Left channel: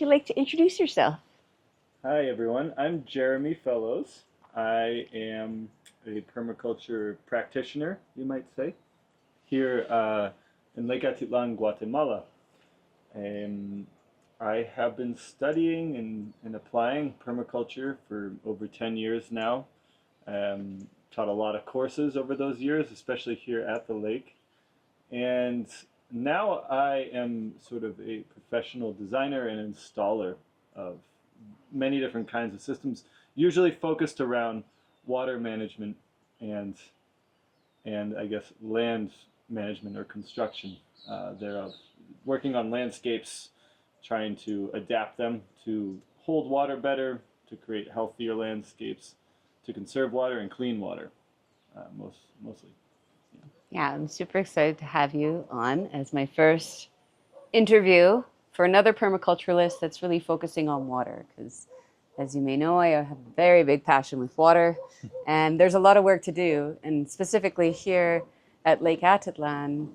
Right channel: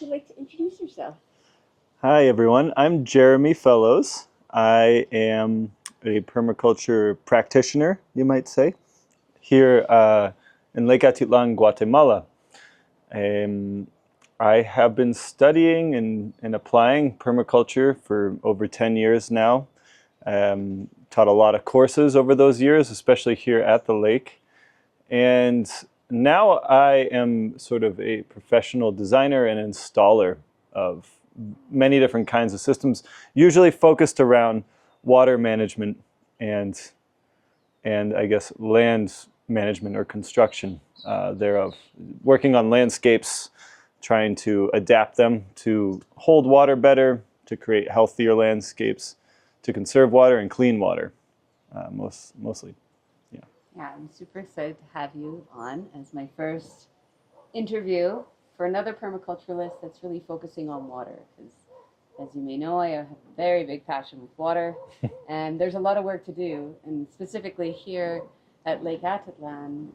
you like to introduce yourself? Hi, everyone. I'm Jeremy Fellows. I am a permaculture practitioner, you might say, here in Lake Atitlan, Guatemala. I have been studying and applying permaculture for over 10 years now. Taught a lot of courses over those years, especially here at the lake. And now I am sort of a professional designer and installer of many different kinds of systems, usually focused around water management and I guess land management or construction thereof. Working on landscapes, trying to adapt them to hold water better, to create healthier landscapes, to conserve water and clean water, mostly. Yeah, I'm super excited to have you on as my first interview for another permaculturalist that's really focusing on water. Because as you may know, I have a very big passion with water and there's a lot of work to do. And specifically here at Lake Atitlan,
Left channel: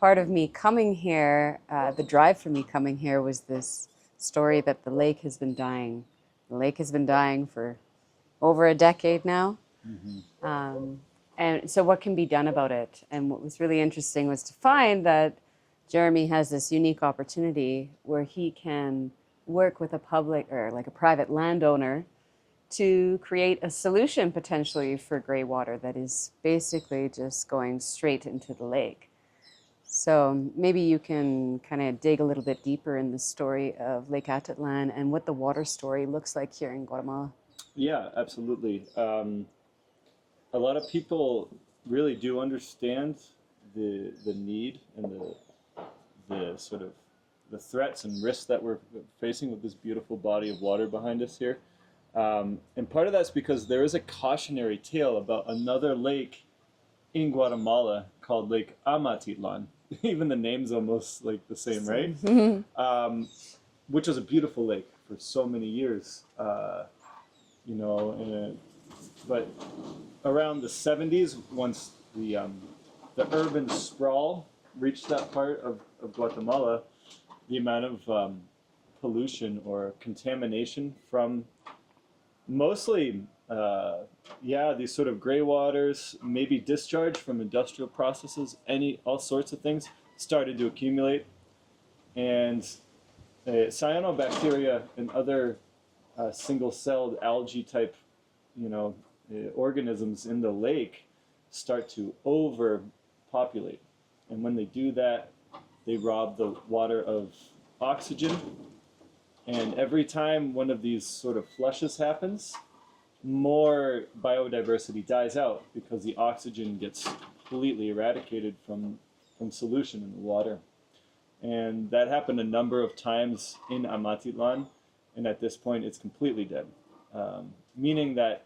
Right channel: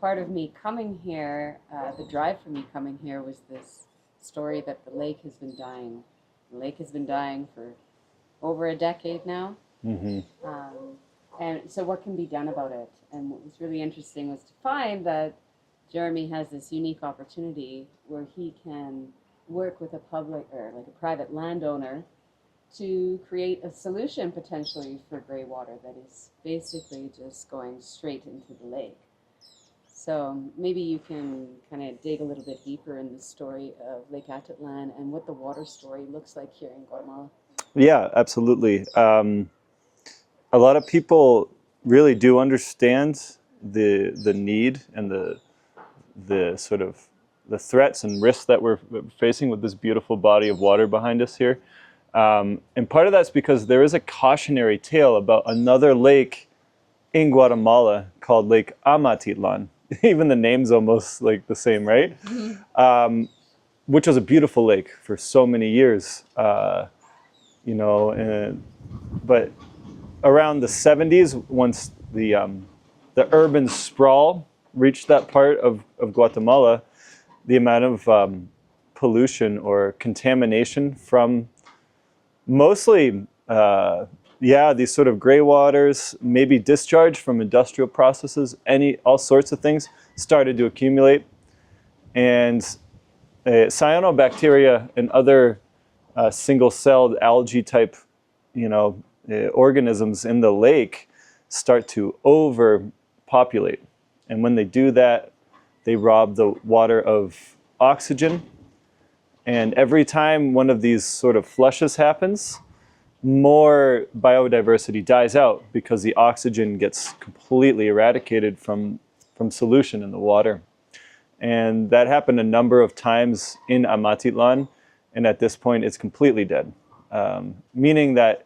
part of me coming here, the drive for me coming here was this story that the lake has been dying. The lake has been dying for over a decade now. And so what can be done about it? And what was really interesting was to find that Jeremy has this unique opportunity where he can work with a public or like a private landowner to create a solution potentially for gray water that is basically just going straight into the lake. So maybe you can kind of dig a little bit deeper in the story of Lake Atitlan and what the water story looks like here in Guatemala. Yeah, absolutely. A lot of people really do understand the need and the sort of the threats and risks that we're facing with this beautiful body of water behind us here. And part of that's because there is a cautionary tale about another lake in Guatemala called Lake Atitlan. Even the name's almost like the same, right? Which was a beautiful lake for so many years, you know, but around the 70s, once the urban sprawl reached that part of Guatemala, the amount of pollution or contamination from mostly, these sort of gray waters, maybe discharge from industrial processes, all sorts of things started to accumulate. And cyanobacteria and other single-celled algae type, organisms in the lake start to overpopulate. And when they do that, they rob the water of oxygen. And every time one of these sort of flushes happens, more biodiversity dies out because the oxygen gets completely eradicated from solution in the water. And that happened a number of times in Atitlan, and at this point it's completely dead, meaning that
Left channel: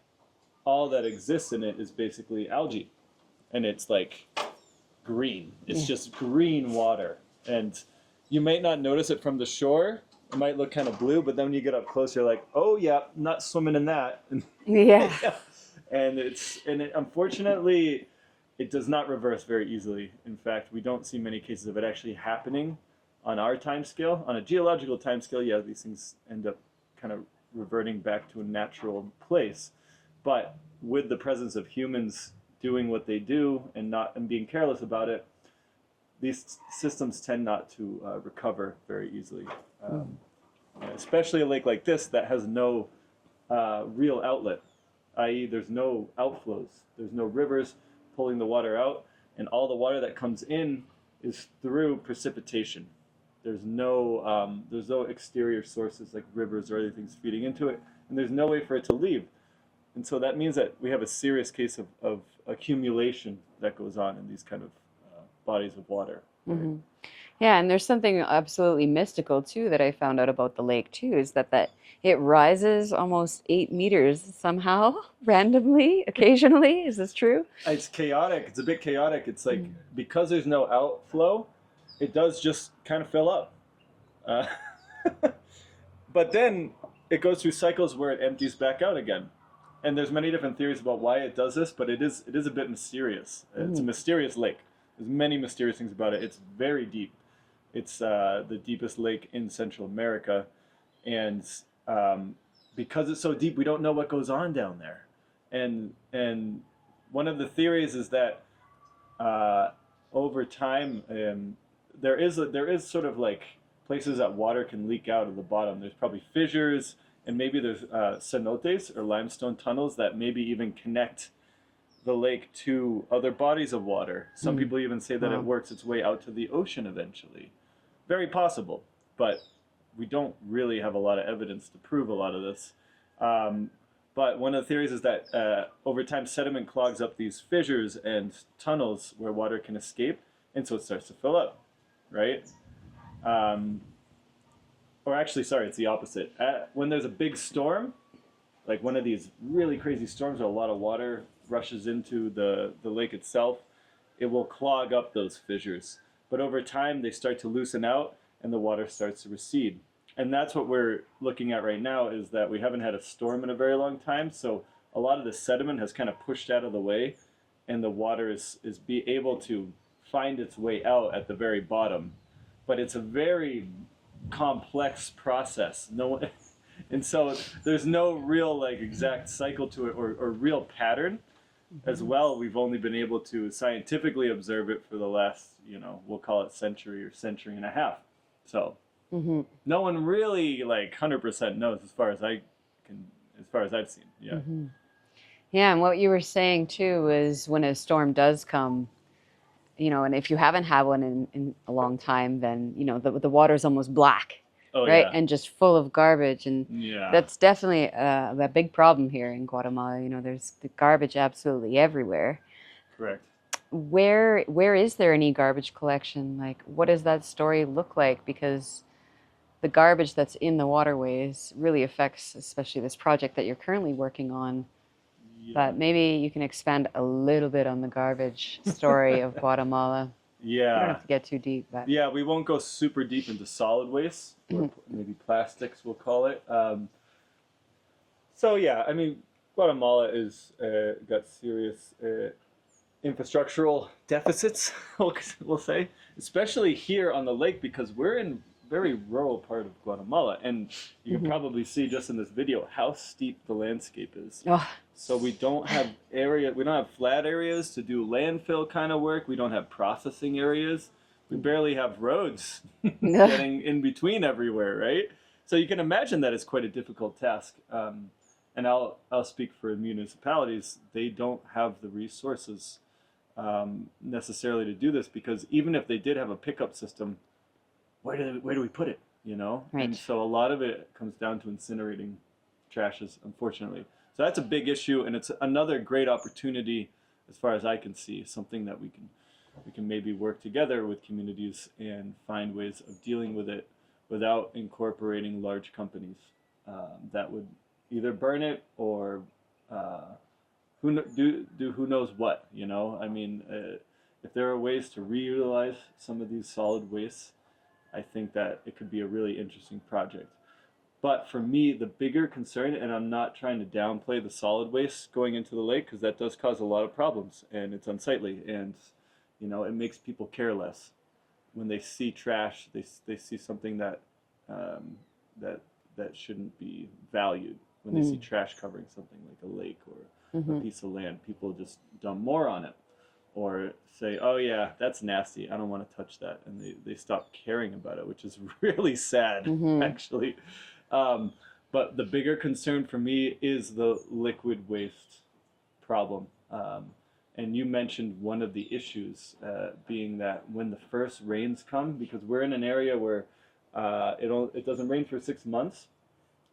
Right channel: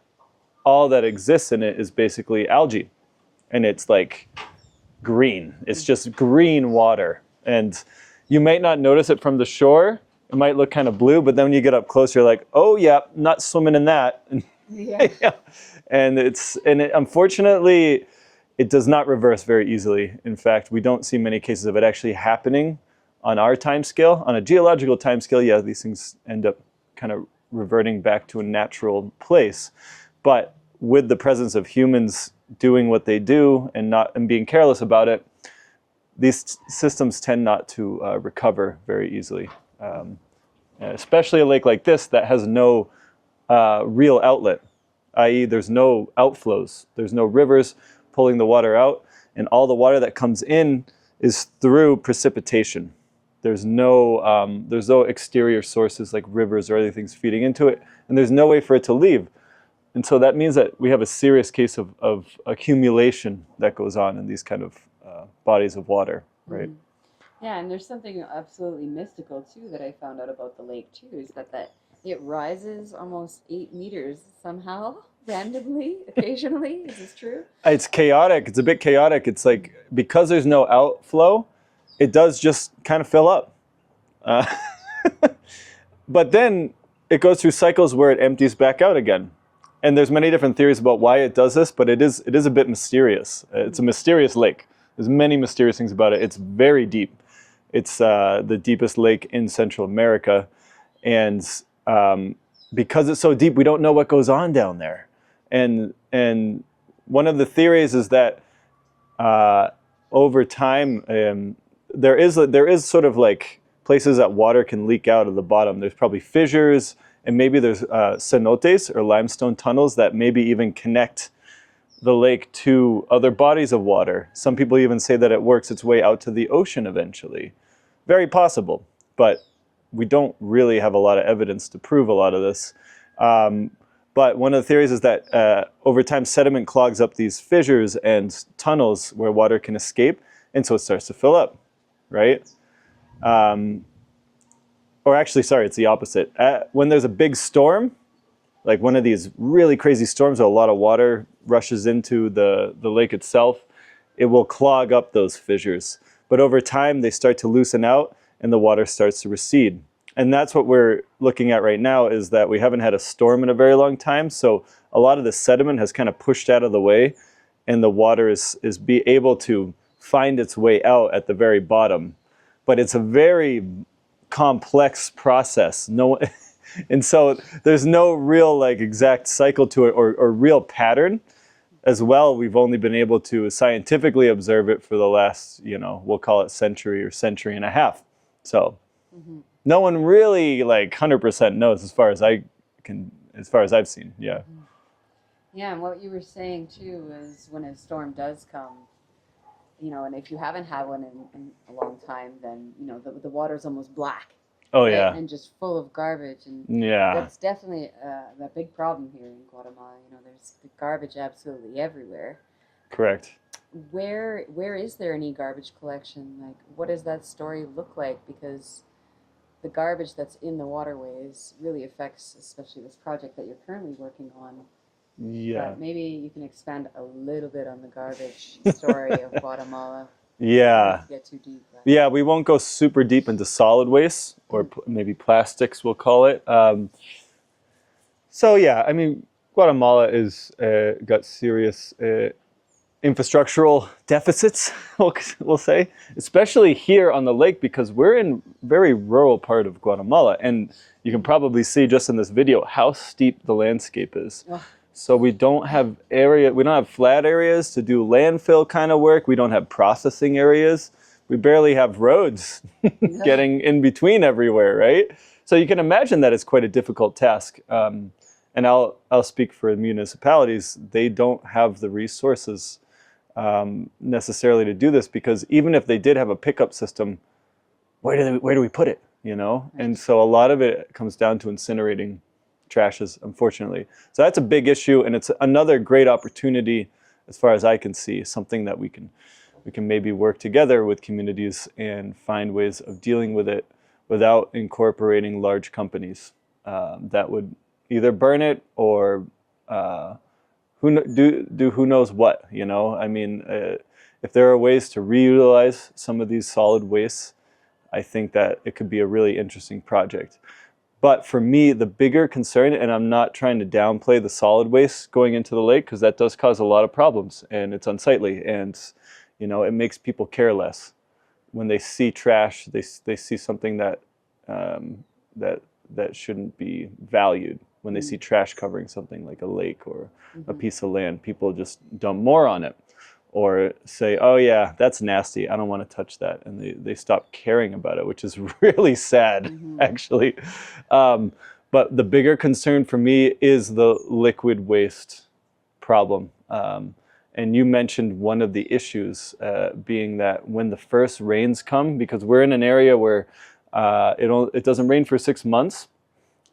all that exists in it is basically algae, and it's like green. It's just green water, and you might not notice it from the shore. It might look kind of blue, but then when you get up close, you're like, oh yeah, not swimming in that. Yeah. And unfortunately, it does not reverse very easily. In fact, we don't see many cases of it actually happening on our time scale. On a geological time scale, yeah, these things end up kind of reverting back to a natural place. But with the presence of humans doing what they do and being careless about it, these systems tend not to recover very easily. Especially a lake like this that has no real outlet, i.e. there's no outflows, there's no rivers pulling the water out, and all the water that comes in is through precipitation. There's no exterior sources like rivers or other things feeding into it, and there's no way for it to leave. And so that means that we have a serious case of accumulation that goes on in these kind of bodies of water, right? Mm-hmm. Yeah, and there's something absolutely mystical too that I found out about the lake too, is that it rises almost 8 meters somehow, randomly, occasionally. Is this true? It's chaotic. It's a bit chaotic. It's like, because there's no outflow, it does just kind of fill up. But then it goes through cycles where it empties back out again. And there's many different theories about why it does this, but it is a bit mysterious. It's a mysterious lake. There's many mysterious things about it. It's very deep. It's the deepest lake in Central America. And because it's so deep, we don't know what goes on down there. And one of the theories is that over time, there is sort of like places that water can leak out of the bottom. There's probably fissures, and maybe there's cenotes or limestone tunnels that maybe even connect the lake to other bodies of water. Some people even say that it works its way out to the ocean eventually. Very possible, but we don't really have a lot of evidence to prove a lot of this. But one of the theories is that over time sediment clogs up these fissures and tunnels where water can escape, and so it starts to fill up, right? Or actually, sorry, it's the opposite. When there's a big storm, like one of these really crazy storms where a lot of water rushes into the lake itself, it will clog up those fissures. But over time, they start to loosen out and the water starts to recede. And that's what we're looking at right now, is that we haven't had a storm in a very long time. So a lot of the sediment has kind of pushed out of the way, and the water is be able to find its way out at the very bottom. But it's a very complex process. And so there's no real like exact cycle to it or real pattern. As well, we've only been able to scientifically observe it for the last, we'll call it century or century and a half. So no one really like 100% knows as far as I've seen. Yeah. Yeah, and what you were saying too is when a storm does come, and if you haven't had one in a long time, then the water's almost black. Oh, right? yeah. And just full of garbage. And yeah, that's definitely a big problem here in Guatemala. There's the garbage absolutely everywhere. Correct. Where is there any garbage collection? Like, what does that story look like? Because the garbage that's in the waterways really affects, especially this project that you're currently working on. Yeah. But maybe you can expand a little bit on the garbage story of Guatemala. Yeah. I don't have to get too deep. But. Yeah, we won't go super deep into solid waste, or maybe plastics, we'll call it. So yeah, I mean, Guatemala is got serious infrastructural deficits, we'll say, especially here on the lake, because we're in very rural part of Guatemala, and you can probably see just in this video how steep the landscape is. Oh. So we don't have flat areas to do landfill kind of work. We don't have processing areas. We barely have roads getting in between everywhere, right? So you can imagine that it's quite a difficult task. And I'll speak for municipalities. They don't have the resources necessarily to do this, because even if they did have a pickup system, where do we put it? Right. And so a lot of it comes down to incinerating trashes, unfortunately. So that's a big issue, and it's another great opportunity, as far as I can see, something that we can maybe work together with communities and find ways of dealing with it without incorporating large companies that would either burn it or who knows what. I mean, if there are ways to reutilize some of these solid wastes, I think that it could be a really interesting project. But for me, the bigger concern, and I'm not trying to downplay the solid waste going into the lake, because that does cause a lot of problems, and it's unsightly, and it makes people care less. When they see trash, they see something that shouldn't be valued. When they see trash covering something like a lake or a piece of land, people just dump more on it, or say, oh yeah, that's nasty, I don't want to touch that, and they stop caring about it, which is really sad, actually. But the bigger concern for me is the liquid waste problem. And you mentioned one of the issues being that when the first rains come, because we're in an area where it doesn't rain for 6 months,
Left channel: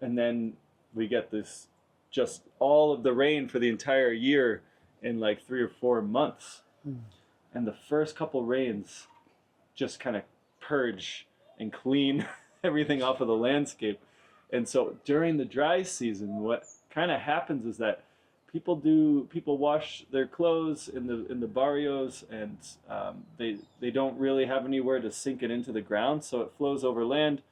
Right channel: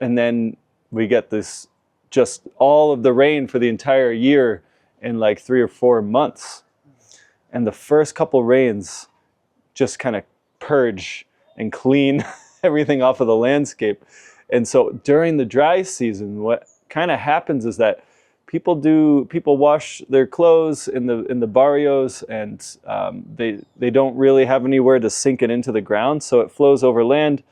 and then we get this, just all of the rain for the entire year in like 3 or 4 months. And the first couple rains just kind of purge and clean everything off of the landscape. And so during the dry season, what kind of happens is that people wash their clothes in the barrios, and they don't really have anywhere to sink it into the ground, so it flows over land,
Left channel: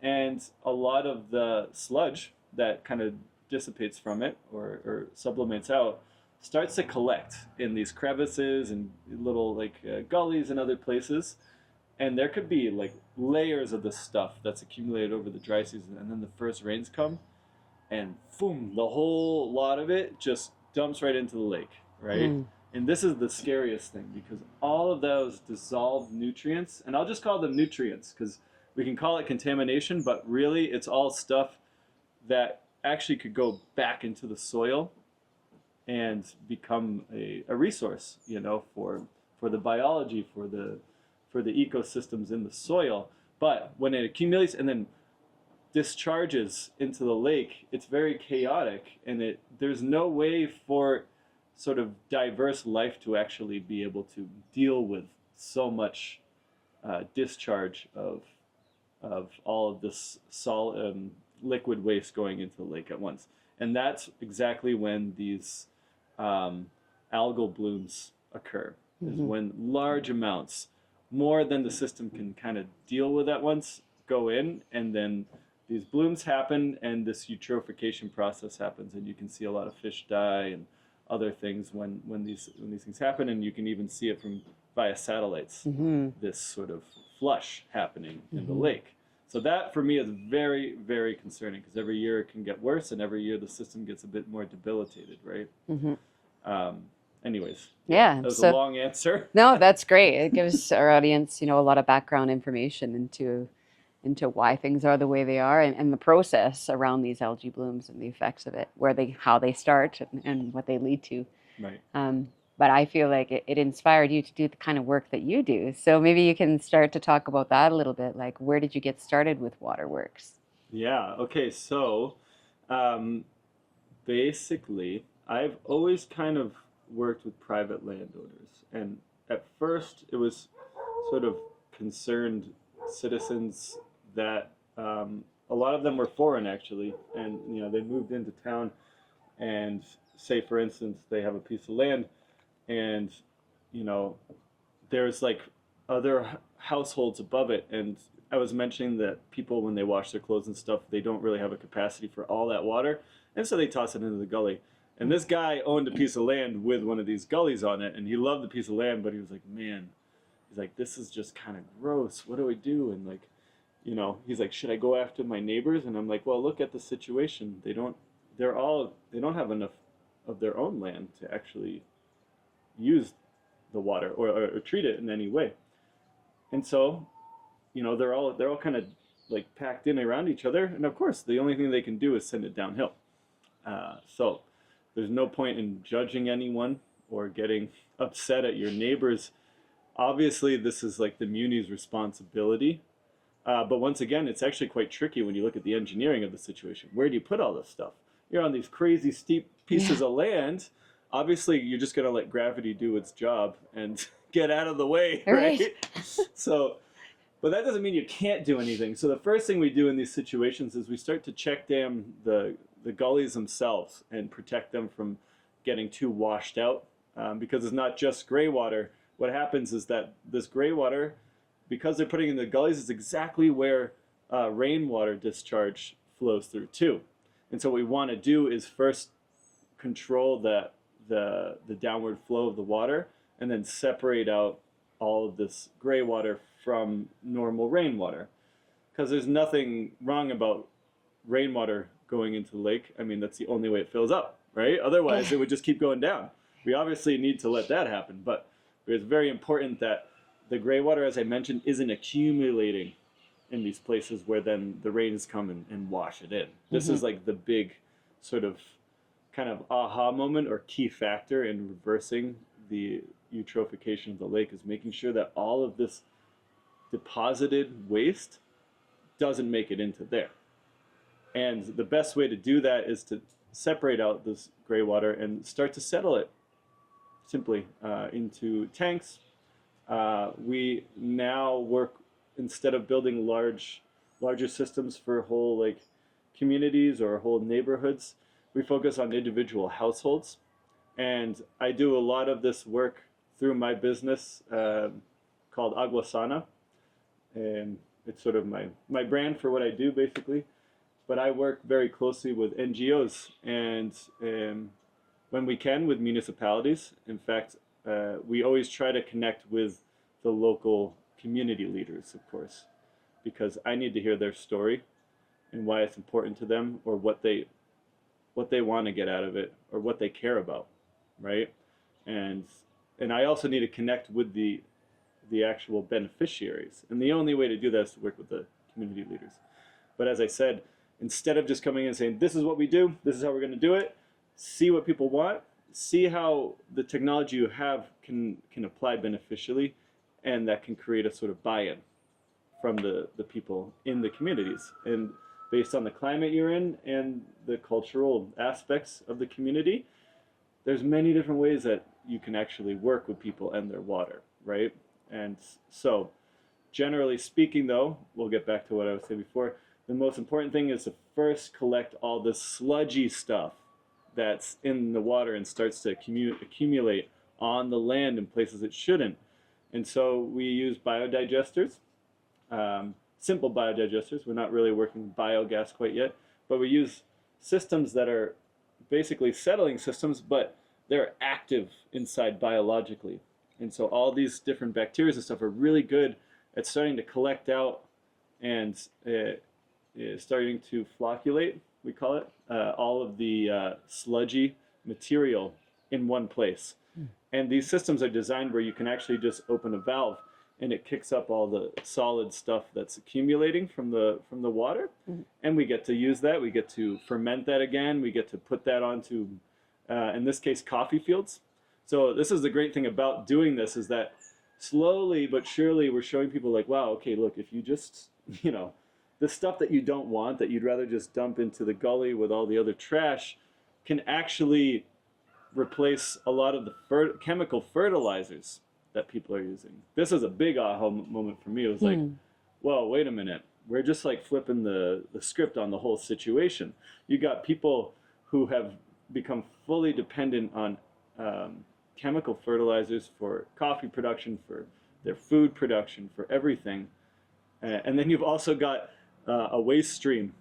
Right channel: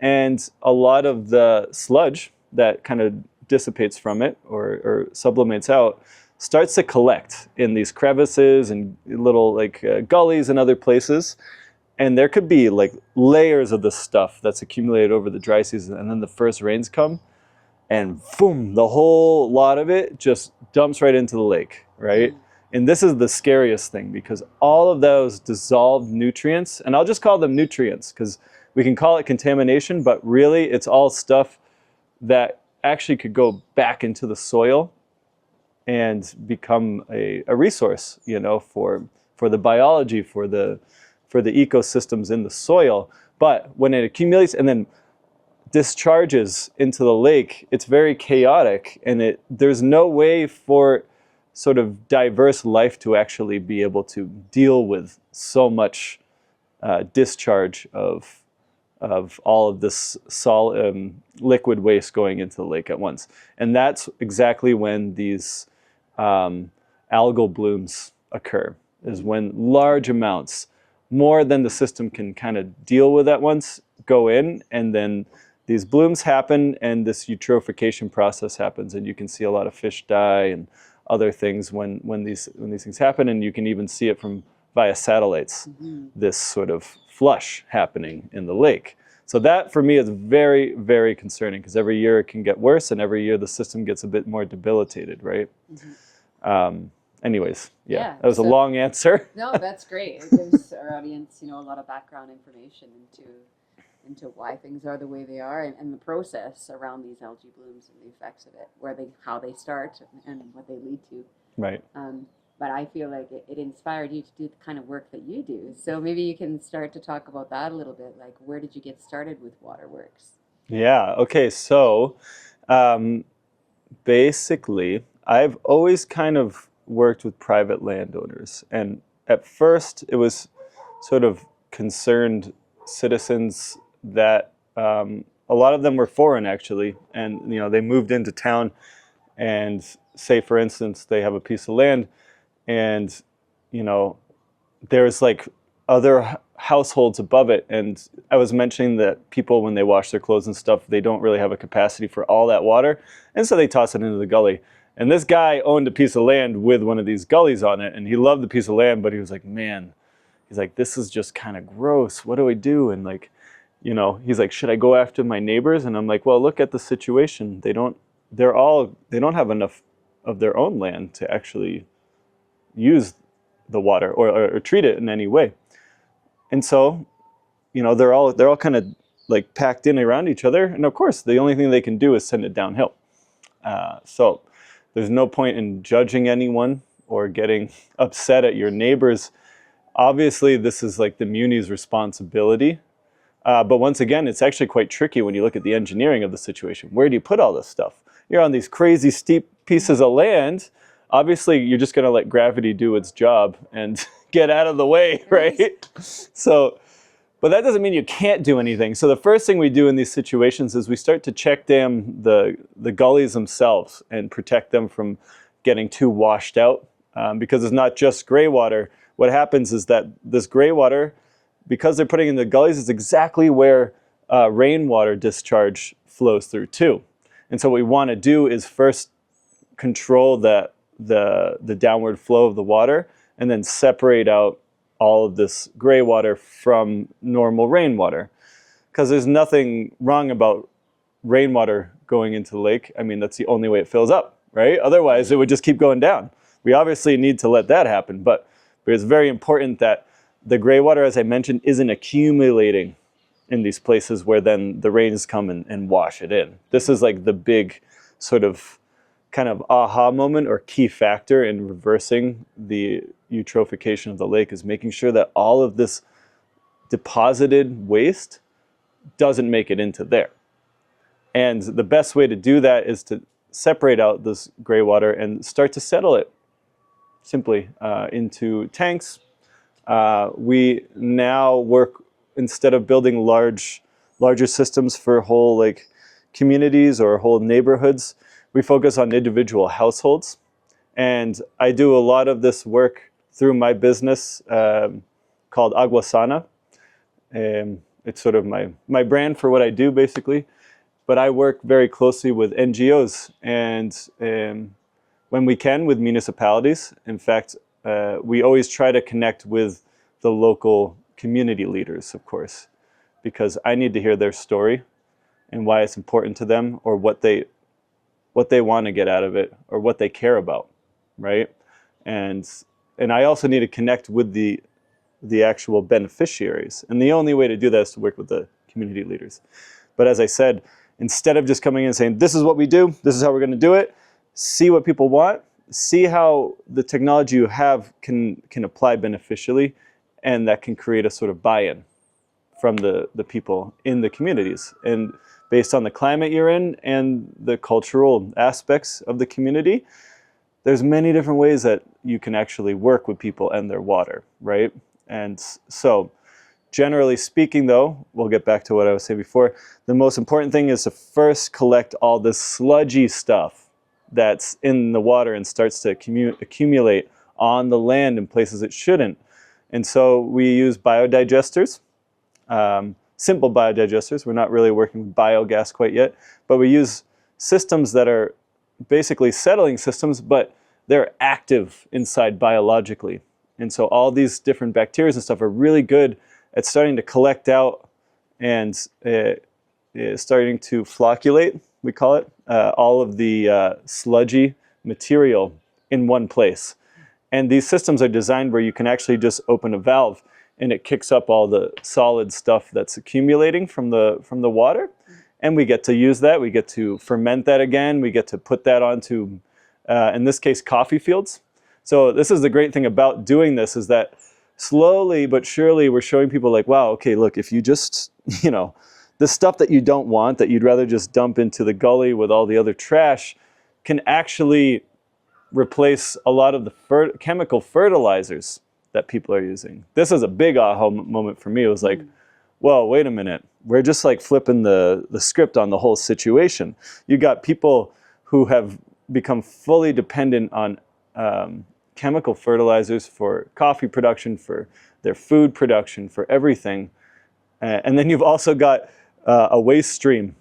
and a lot of the sludge that kind of dissipates from it or sublimates out starts to collect in these crevices and little gullies and other places. And there could be like layers of this stuff that's accumulated over the dry season, and then the first rains come, and boom, the whole lot of it just dumps right into the lake, right? And this is the scariest thing, because all of those dissolved nutrients, and I'll just call them nutrients because we can call it contamination, but really it's all stuff that actually could go back into the soil and become a resource, you know, for the biology, for the ecosystems in the soil. But when it accumulates and then discharges into the lake, it's very chaotic, and there's no way for sort of diverse life to actually be able to deal with so much discharge of all of this solid liquid waste going into the lake at once. And that's exactly when these algal blooms occur, is when large amounts, more than the system can kind of deal with at once, go in, and then these blooms happen and this eutrophication process happens, and you can see a lot of fish die and other things when these things happen, and you can even see it from via satellites, this sort of flush happening in the lake. So that for me is very, very concerning, because every year it can get worse, and every year the system gets a bit more debilitated, right? Anyways, Yeah, that was a long answer. No, that's great. It gives our audience, you know, a lot of background information into why things are the way they are, and the process around these algae blooms and the effects of it, how they start and what they lead to. Right. But I feel like it inspired you to do the kind of work that you do. So maybe you can start to talk about that a little bit. Like, where did you get started with Waterworks? Yeah. Okay. So basically, I've always kind of worked with private landowners. And at first, it was sort of concerned citizens that a lot of them were foreign, actually. And, you know, they moved into town, and say, for instance, they have a piece of land, and, you know, there's like other households above it. And I was mentioning that people, when they wash their clothes and stuff, they don't really have a capacity for all that water. And so they toss it into the gully. And this guy owned a piece of land with one of these gullies on it, and he loved the piece of land, but he was like, man, he's like, this is just kind of gross. What do I do? And like, you know, he's like, should I go after my neighbors? And I'm like, well, look at the situation. They don't have enough of their own land to actually use the water or treat it in any way. And so, you know, they're all kind of like packed in around each other. And of course, the only thing they can do is send it downhill. So there's no point in judging anyone or getting upset at your neighbors. Obviously, this is like the Muni's responsibility. But once again, it's actually quite tricky when you look at the engineering of the situation. Where do you put all this stuff? You're on these crazy steep pieces of land. Obviously, you're just going to let gravity do its job and get out of the way, right? So, but that doesn't mean you can't do anything. So the first thing we do in these situations is we start to check dam the gullies themselves and protect them from getting too washed out, because it's not just gray water. What happens is that this gray water, because they're putting in the gullies, is exactly where rainwater discharge flows through too. And so what we want to do is first control the downward flow of the water, and then separate out all of this gray water from normal rainwater. Because there's nothing wrong about rainwater going into the lake. I mean, that's the only way it fills up, right? Otherwise, it would just keep going down. We obviously need to let that happen, but it's very important that the gray water, as I mentioned, isn't accumulating in these places where then the rains come and wash it in. This is like the big sort of kind of aha moment or key factor in reversing the eutrophication of the lake, is making sure that all of this deposited waste doesn't make it into there. And the best way to do that is to separate out this gray water and start to settle it simply into tanks. We now work, instead of building larger systems for whole like communities or whole neighborhoods, we focus on individual households. And I do a lot of this work through my business called Agua Sana. It's sort of my brand for what I do, basically. But I work very closely with NGOs and when we can, with municipalities. In fact, we always try to connect with the local community leaders, of course, because I need to hear their story and why it's important to them, or what they want to get out of it, or what they care about, right? And I also need to connect with the actual beneficiaries. And the only way to do that is to work with the community leaders. But as I said, instead of just coming in and saying, this is what we do, this is how we're going to do it, see what people want, see how the technology you have can apply beneficially, and that can create a sort of buy-in from the people in the communities. And based on the climate you're in and the cultural aspects of the community, there's many different ways that you can actually work with people and their water, right? And so generally speaking, though, we'll get back to what I was saying before, the most important thing is to first collect all this sludgy stuff that's in the water and starts to accumulate on the land in places it shouldn't. And so we use biodigesters, simple biodigesters. We're not really working with biogas quite yet, but we use systems that are basically settling systems, but they're active inside biologically. And so all these different bacteria and stuff are really good at starting to collect out and starting to flocculate, we call it, all of the sludgy material in one place. And these systems are designed where you can actually just open a valve and it kicks up all the solid stuff that's accumulating from the water. And we get to use that. We get to ferment that again. We get to put that onto, in this case, coffee fields. So this is the great thing about doing this, is that slowly but surely we're showing people like, wow, okay, look, if you just, the stuff that you don't want, that you'd rather just dump into the gully with all the other trash, can actually replace a lot of the chemical fertilizers that people are using. This is a big aha moment for me. It was like, whoa, wait a minute. We're just like flipping the script on the whole situation. You got people who have become fully dependent on chemical fertilizers for coffee production, for their food production, for everything. And then you've also got a waste stream,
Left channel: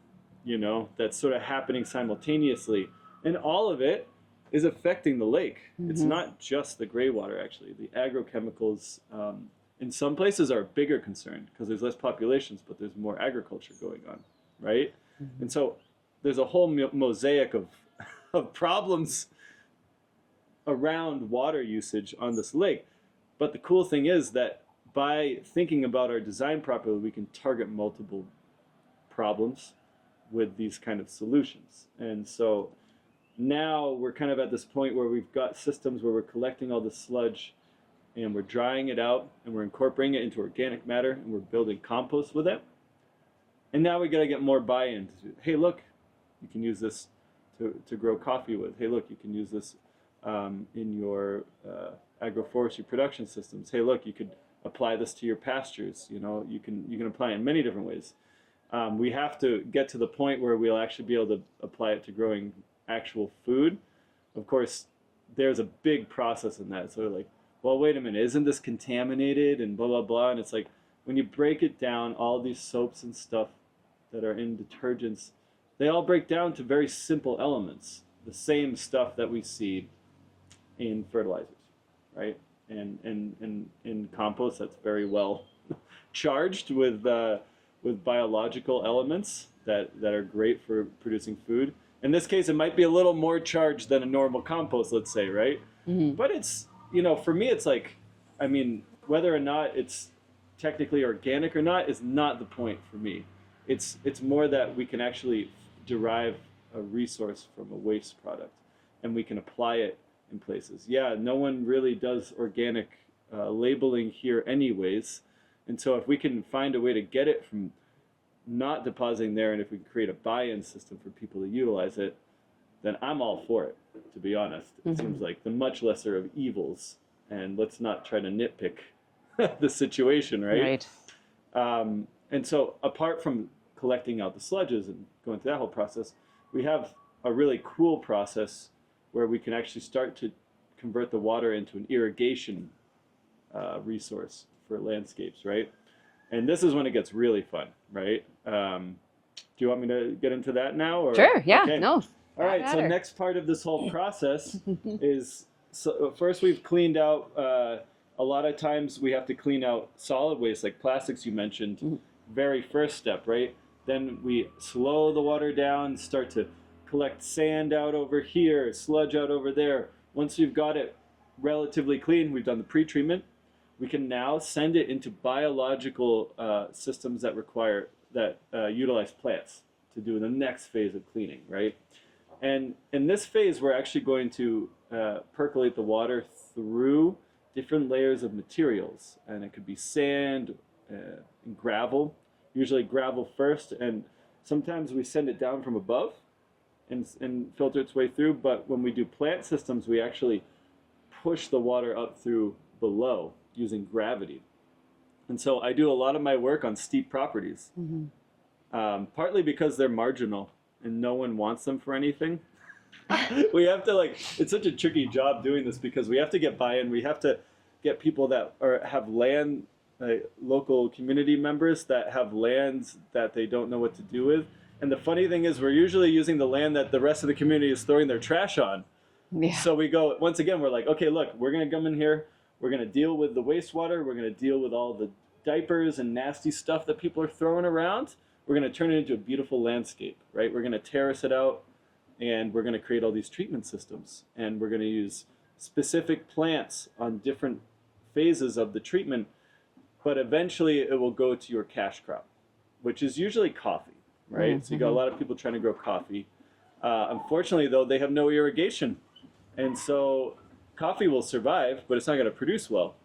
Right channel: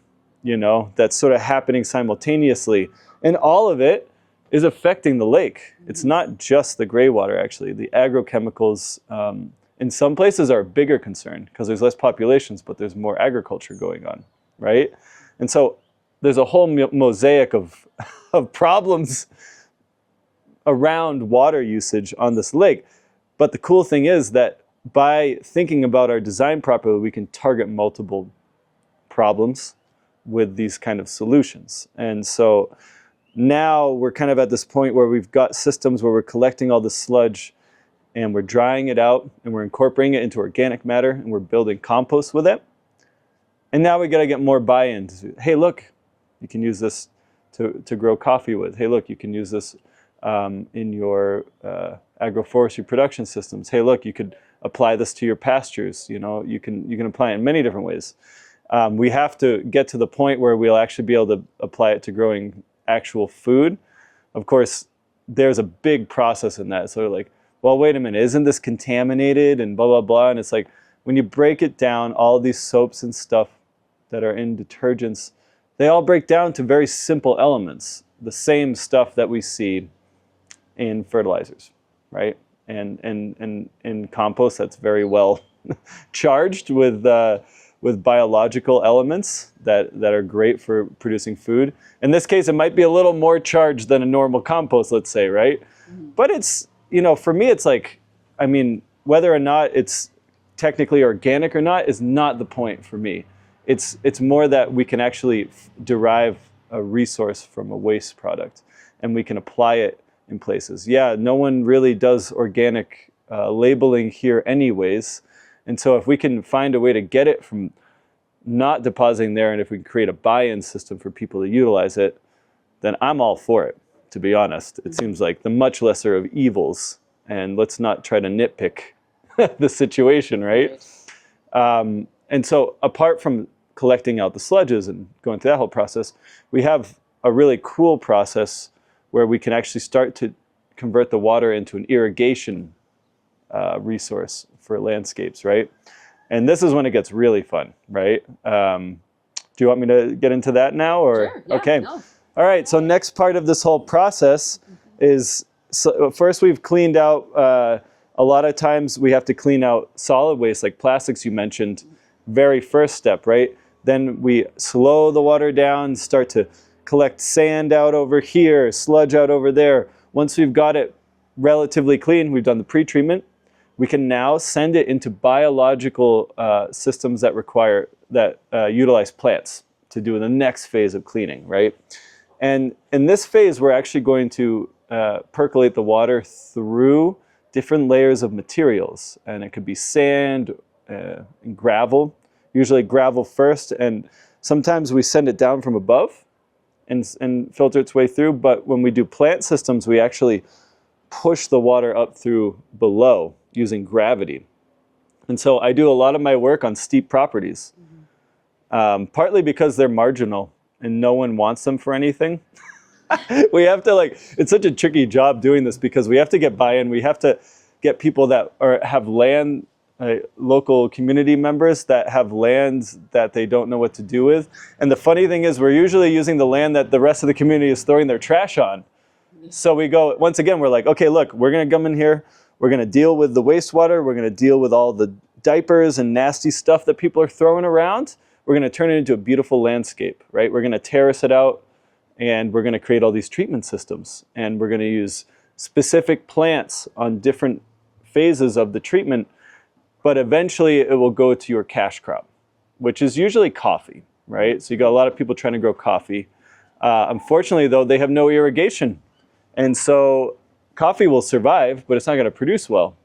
that's sort of happening simultaneously. And all of it is affecting the lake. It's not just the gray water, actually. The agrochemicals in some places are a bigger concern because there's less populations, but there's more agriculture going on, right? And so there's a whole mosaic of problems around water usage on this lake. But the cool thing is that by thinking about our design properly, we can target multiple problems with these kind of solutions. And so now we're kind of at this point where we've got systems where we're collecting all the sludge and we're drying it out and we're incorporating it into organic matter and we're building compost with it. And now we got to get more buy-in. Hey, look, you can use this to grow coffee with. Hey, look, you can use this in your agroforestry production systems. Hey, look, you could apply this to your pastures. You can apply it in many different ways. We have to get to the point where we'll actually be able to apply it to growing actual food. Of course, there's a big process in that. So like, well, wait a minute, isn't this contaminated and blah, blah, blah. And it's like, when you break it down, all these soaps and stuff that are in detergents, they all break down to very simple elements. The same stuff that we see in fertilizers, right? And in compost, that's very well charged with biological elements that are great for producing food. In this case, it might be a little more charged than a normal compost, let's say, right? But it's, for me, it's like, whether or not it's technically organic or not is not the point for me. It's more that we can actually derive a resource from a waste product and we can apply it in places. Yeah, no one really does organic labeling here anyways. And so if we can find a way to get it from not depositing there, and if we can create a buy-in system for people to utilize it, then I'm all for it, to be honest. It seems like the much lesser of evils, and let's not try to nitpick the situation, right? And so apart from collecting out the sludges and going through that whole process, we have a really cool process where we can actually start to convert the water into an irrigation resource for landscapes, right? And this is when it gets really fun, right? Do you want me to get into that now? Or? Sure, yeah. Okay. No. All right, so next part of this whole process is, so first we've cleaned out A lot of times we have to clean out solid waste like plastics you mentioned, very first step, right? Then we slow the water down, start to collect sand out over here, sludge out over there. Once we've got it relatively clean, we've done the pre-treatment, we can now send it into biological systems that utilize plants to do the next phase of cleaning, right? And in this phase, we're actually going to percolate the water through different layers of materials. And it could be sand and gravel, usually gravel first. And sometimes we send it down from above and filter its way through. But when we do plant systems, we actually push the water up through below using gravity. And so I do a lot of my work on steep properties, partly because they're marginal and no one wants them for anything. We have to it's such a tricky job doing this because we have to get buy-in. We have to get people that have land, local community members that have lands that they don't know what to do with. And the funny thing is we're usually using the land that the rest of the community is throwing their trash on. Yeah. So we go, once again, we're like, okay, look, we're going to come in here. We're going to deal with the wastewater. We're going to deal with all the diapers and nasty stuff that people are throwing around. We're going to turn it into a beautiful landscape, right? We're going to terrace it out. And we're going to create all these treatment systems. And we're going to use specific plants on different phases of the treatment. But eventually it will go to your cash crop, which is usually coffee, right? So you got a lot of people trying to grow coffee. Unfortunately, though, they have no irrigation. And so coffee will survive, but it's not going to produce well.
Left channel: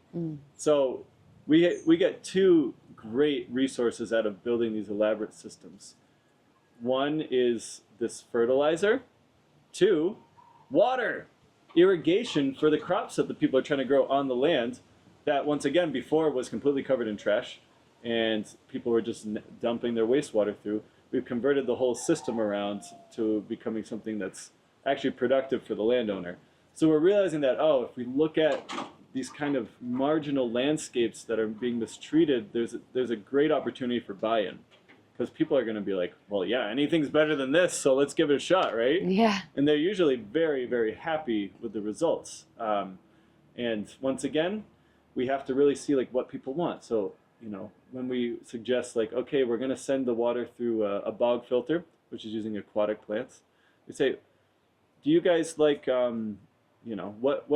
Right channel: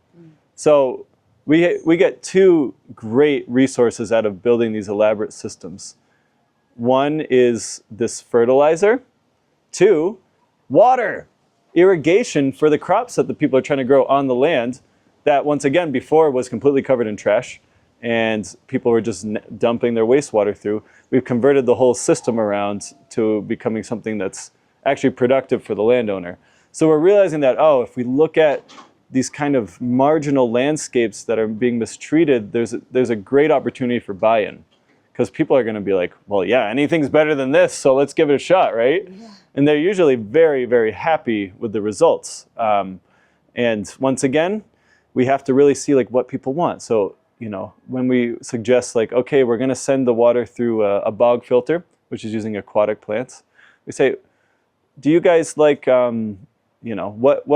So we get two great resources out of building these elaborate systems. One is this fertilizer. Two, water, irrigation for the crops that the people are trying to grow on the land that, once again, before was completely covered in trash and people were just dumping their wastewater through. We've converted the whole system around to becoming something that's actually productive for the landowner. So we're realizing that, if we look at these kind of marginal landscapes that are being mistreated, there's a great opportunity for buy-in. Because people are going to be like, well, yeah, anything's better than this, so let's give it a shot, right? Yeah. And they're usually very, very happy with the results. And once again, we have to really see what people want. So, when we suggest okay, we're going to send the water through a bog filter, which is using aquatic plants, we say, do you guys what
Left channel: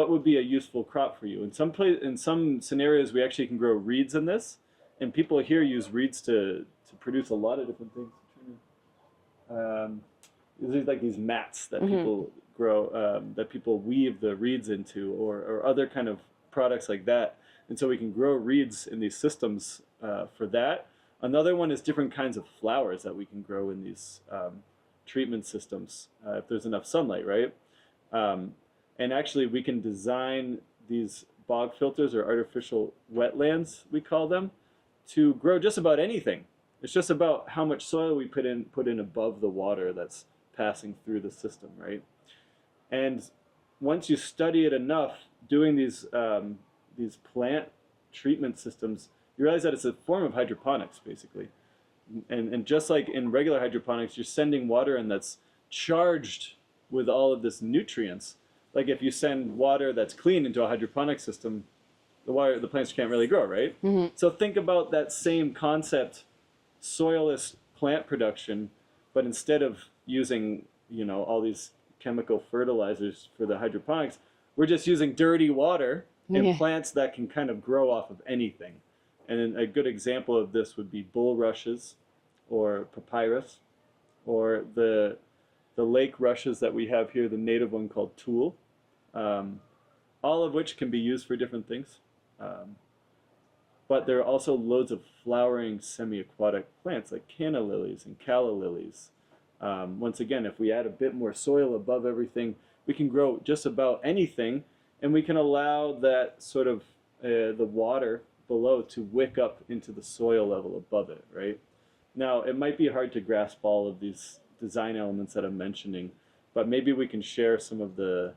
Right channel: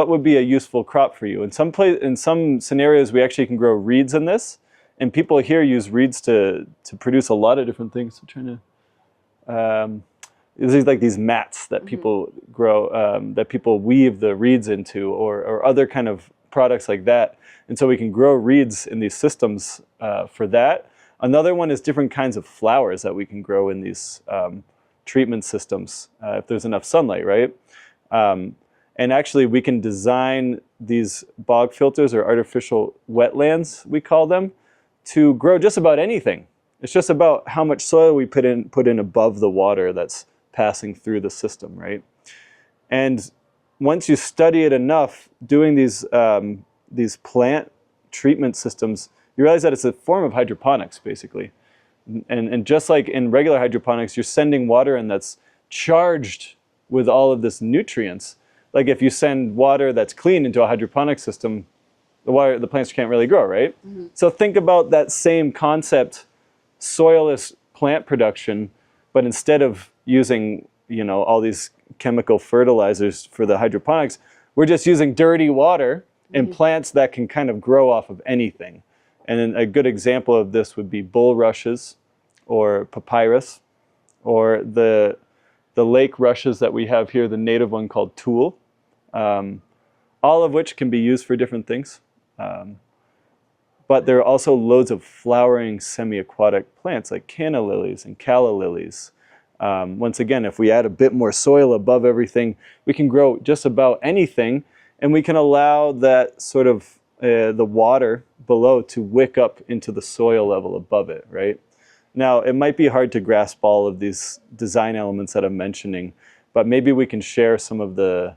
would be a useful crop for you? In some scenarios, we actually can grow reeds in this. And people here use reeds to produce a lot of different things. I'm trying to, there's these mats that people grow, that people weave the reeds into, or other kind of products like that. And so we can grow reeds in these systems for that. Another one is different kinds of flowers that we can grow in these treatment systems if there's enough sunlight, right? And actually we can design these bog filters or artificial wetlands, we call them, to grow just about anything. It's just about how much soil we put in above the water that's passing through the system, right? And once you study it enough, doing these plant treatment systems, you realize that it's a form of hydroponics, basically. And just like in regular hydroponics, you're sending water in that's charged with all of this nutrients. Like if you send water that's clean into a hydroponic system, the plants can't really grow, right? So think about that same concept, soilless plant production, but instead of using all these chemical fertilizers for the hydroponics, we're just using dirty water and plants that can kind of grow off of anything. And then a good example of this would be bulrushes or papyrus, or the lake rushes that we have here, the native one called tulle, all of which can be used for different things. But there are also loads of flowering semi-aquatic plants like canna lilies and calla lilies. Once again, if we add a bit more soil above everything, we can grow just about anything, and we can allow that sort of the water below to wick up into the soil level above it, right? Now, it might be hard to grasp all of these design elements that I'm mentioning, but maybe we can share some of these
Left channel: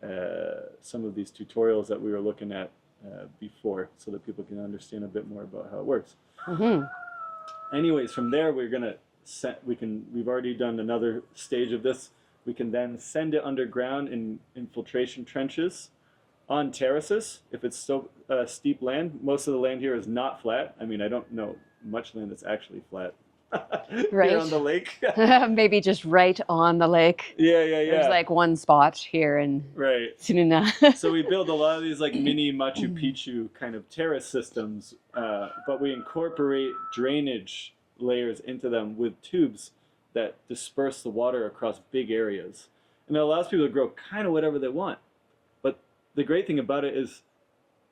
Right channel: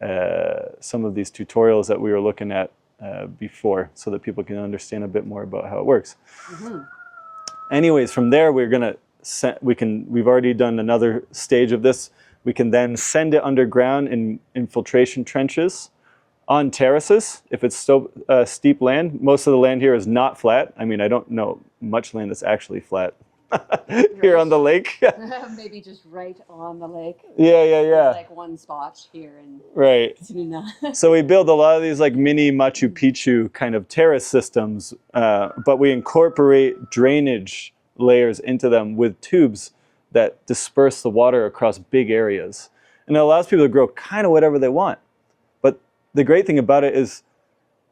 tutorials that we were looking at before, so that people can understand a bit more about how it works. Anyways, from there we've already done another stage of this. We can then send it underground in infiltration trenches, on terraces, if it's still steep land. Most of the land here is not flat. I mean, I don't know much land that's actually flat here on the lake. Maybe just right on the lake. Yeah. There's like one spot here in Tzununa. So we build a lot of these like mini Machu Picchu kind of terrace systems, but we incorporate drainage layers into them with tubes that disperse the water across big areas. And it allows people to grow kind of whatever they want. But the great thing about it is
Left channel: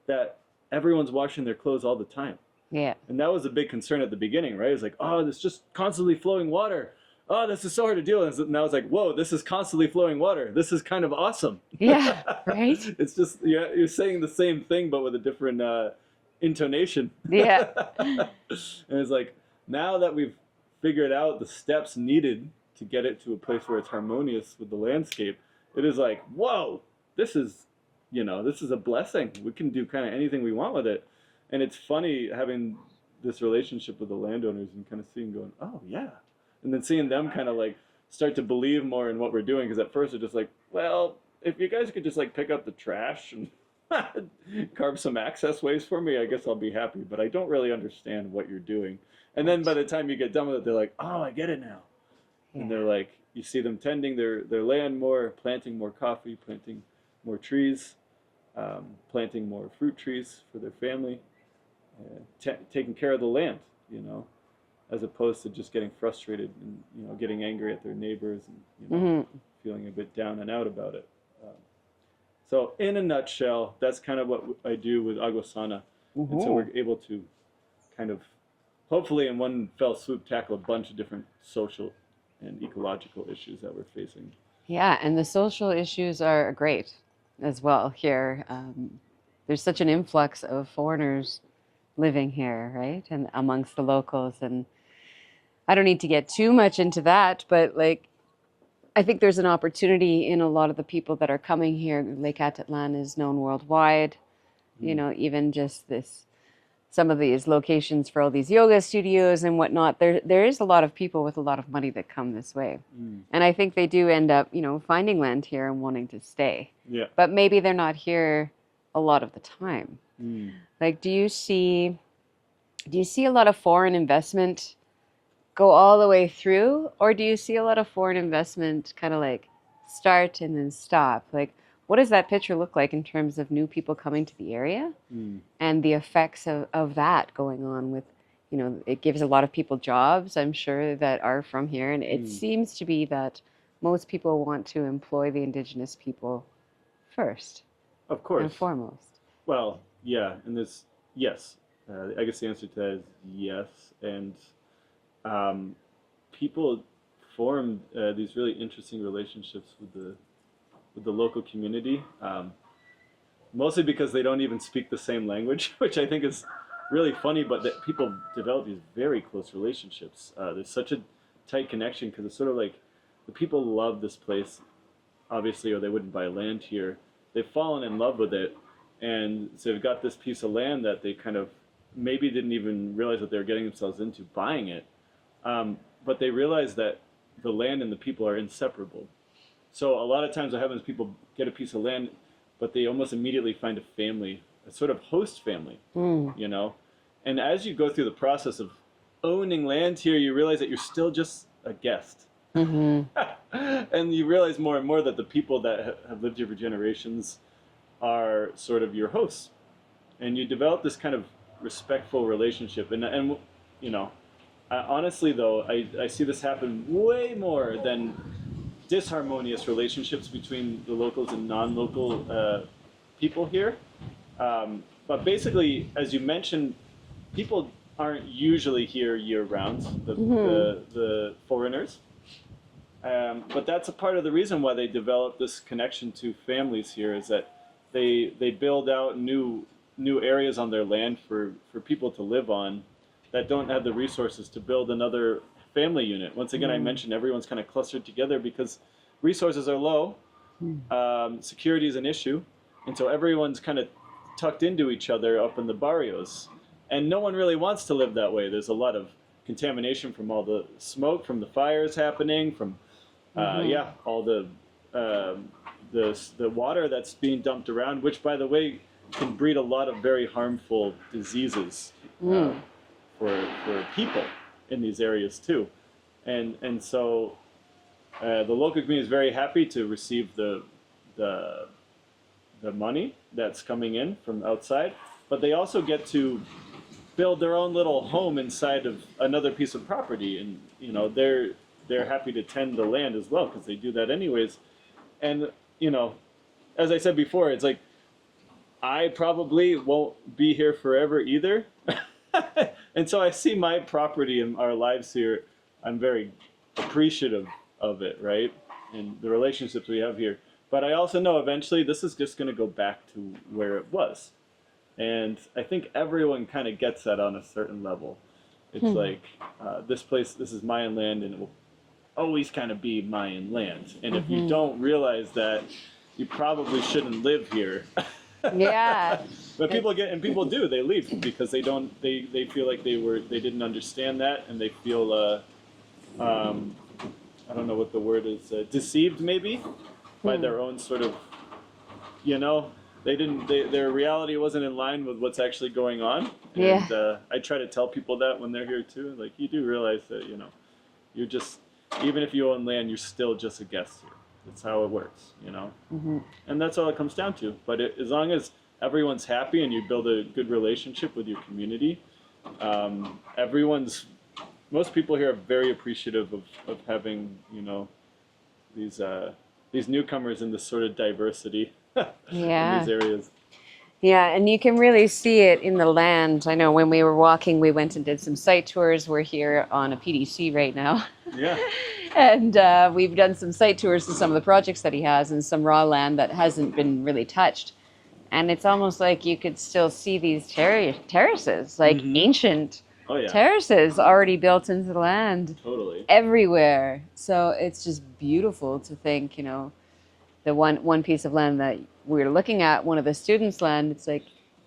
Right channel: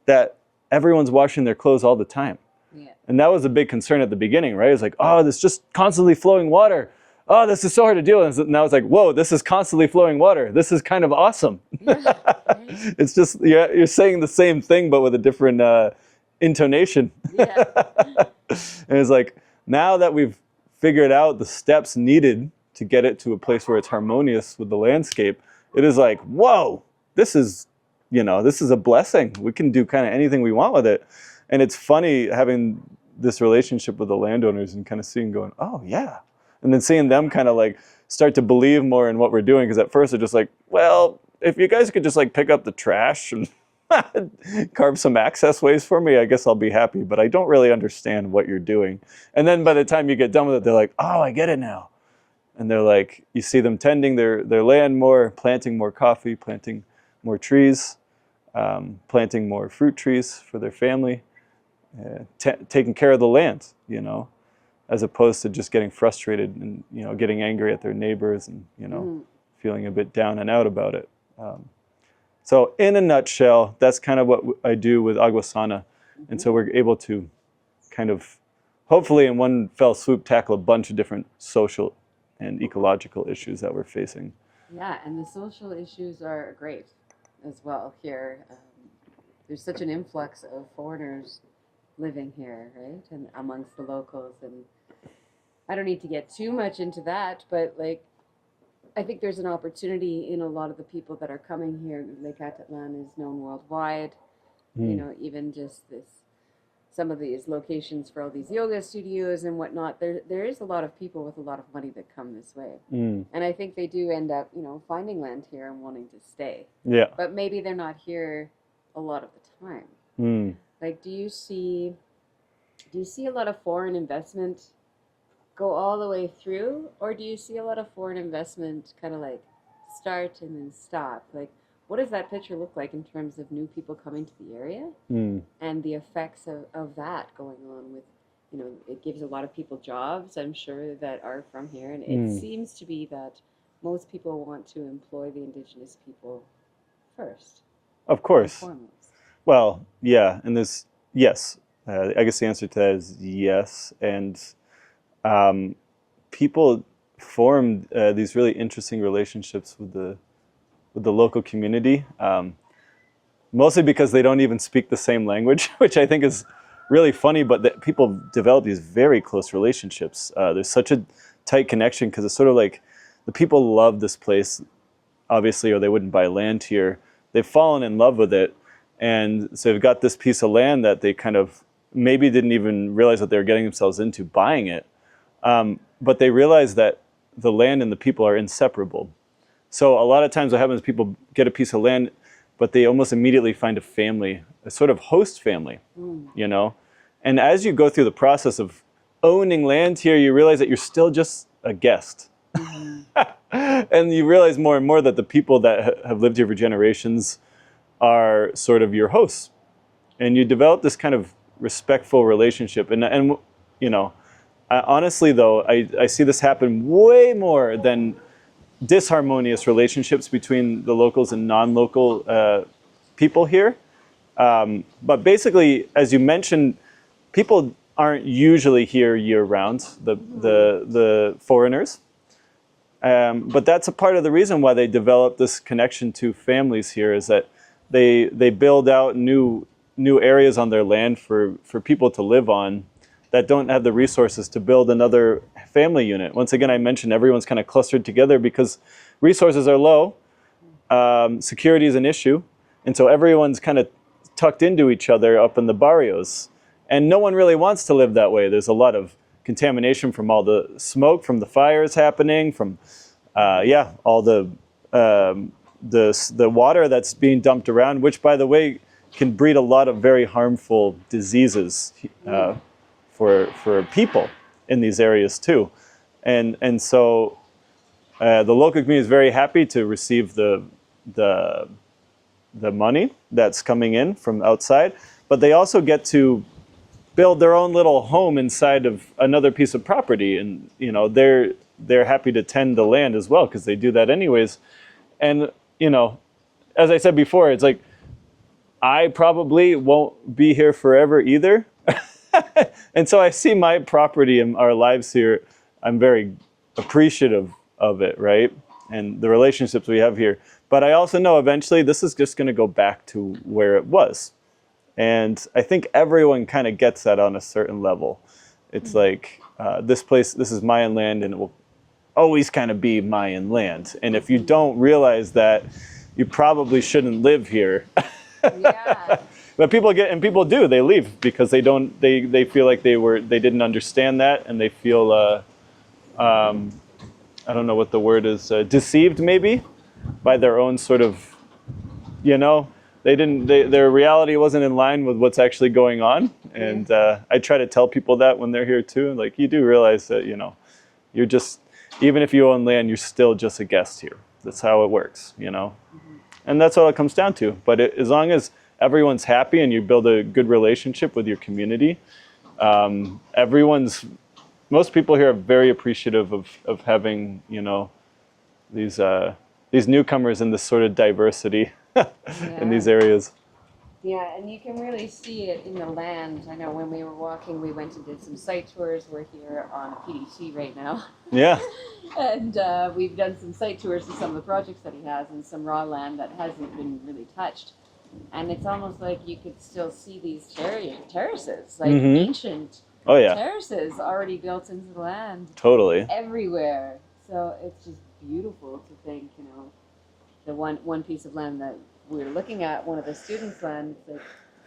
that everyone's washing their clothes all the time. Yeah. And that was a big concern at the beginning, right? It's like, oh, this just constantly flowing water. Oh, this is so hard to deal with. And now it's like, whoa, this is constantly flowing water. This is kind of awesome. Yeah, right? It's just, you're saying the same thing, but with a different intonation. Yeah. And it's like, now that we've figured out the steps needed to get it to a place where it's harmonious with the landscape, it is like, whoa, this is a blessing. We can do kind of anything we want with it. And it's funny having this relationship with the landowners and kind of seeing going, oh yeah. And then seeing them kind of like start to believe more in what we're doing. Because at first they're just like, well, if you guys could just like pick up the trash and carve some access ways for me, I guess I'll be happy. But I don't really understand what you're doing. And then by the time you get done with it, they're like, oh, I get it now. And they're like, you see them tending their land more, planting more coffee, planting more trees, planting more fruit trees for their family. Taking care of the land, as opposed to just getting frustrated and getting angry at their neighbors and feeling a bit down and out about it. So in a nutshell, that's kind of what I do with Aguasana, and so we're able to kind of hopefully in one fell swoop tackle a bunch of different social and ecological issues that we're facing. Yeah, and the social issues are great as well here. There's such an influx of foreigners living here, right? And amongst the locals. And I don't need to get too much into that, but like, I think there's an opportunity in a lot of the people that are coming here. Lake Atitlan is known worldwide, even just some of these locations for all these yoga studios and whatnot. There is a lot of people with a lot of money that come this way. And I think they do end up, finding land here and wanting to stay. Yeah. But maybe they're not here a lot of the time. Like, do you see a lot of foreign investment go all the way through, or do you see a lot of foreign investment kind of like start and then stop? Like, what does that picture look like in terms of new people coming to the area and the effects of that going on with, it gives a lot of people jobs, I'm sure, that are from here. And it seems to be that most people want to employ the indigenous people first. Of course. And foremost. Well, yeah, and yes. I guess the answer to that is yes. And people formed these really interesting relationships with the local community, mostly because they don't even speak the same language, which I think is really funny, but that people develop these very close relationships. There's such a tight connection because it's sort of like the people love this place, obviously, or they wouldn't buy land here. They've fallen in love with it. And so they've got this piece of land that they kind of maybe didn't even realize that they were getting themselves into buying it. But they realize that the land and the people are inseparable. So a lot of times what happens is people get a piece of land, but they almost immediately find a family, a sort of host family, And as you go through the process of owning land here, you realize that you're still just a guest. And you realize more and more that the people that have lived here for generations are sort of your hosts, and you develop this kind of respectful relationship. And honestly though, I see this happen way more than disharmonious relationships between the locals and non-local people here. But basically, as you mentioned, people aren't usually here year-round, the foreigners. But that's a part of the reason why they develop this connection to families here, is that they build out new areas on their land for people to live on that don't have the resources to build another family unit. Once again, I mentioned everyone's kind of clustered together because resources are low, security is an issue, and so everyone's kind of tucked into each other up in the barrios. And no one really wants to live that way. There's a lot of contamination from all the smoke from the fires happening, from all the the water that's being dumped around, which by the way can breed a lot of very harmful diseases for people in these areas too, and so the local community is very happy to receive the money that's coming in from outside, but they also get to build their own little home inside of another piece of property, and they're happy to tend the land as well because they do that anyways. And as I said before, it's like I probably won't be here forever either. And so I see my property and our lives here, I'm very appreciative of it, right? And the relationships we have here. But I also know eventually this is just going to go back to where it was. And I think everyone kind of gets that on a certain level. It's like, this is Mayan land, and it will always kind of be Mayan land. And if you don't realize that, you probably shouldn't live here. Yeah. But people do, they leave because they feel like they didn't understand that, and they feel, I don't know what the word is, deceived maybe by their own sort of, their reality wasn't in line with what's actually going on. And I try to tell people that when they're here too. Like, you do realize that, you're just, even if you own land, you're still just a guest here. That's how it works, And that's all it comes down to. But as long as everyone's happy and you build a good relationship with your community, most people here are very appreciative of having, these newcomers and this sort of diversity in these areas. Yeah, and you can really see it in the land. I know when we were walking, we went and did some site tours. We're here on a PDC right now. Yeah. And we've done some site tours to some of the projects that he has, and some raw land that hasn't been really touched. And it's almost like you could still see these terraces, like ancient terraces already built into the land. Totally. Everywhere. So it's just beautiful to think, the one piece of land that we're looking at, one of the students' land, it's like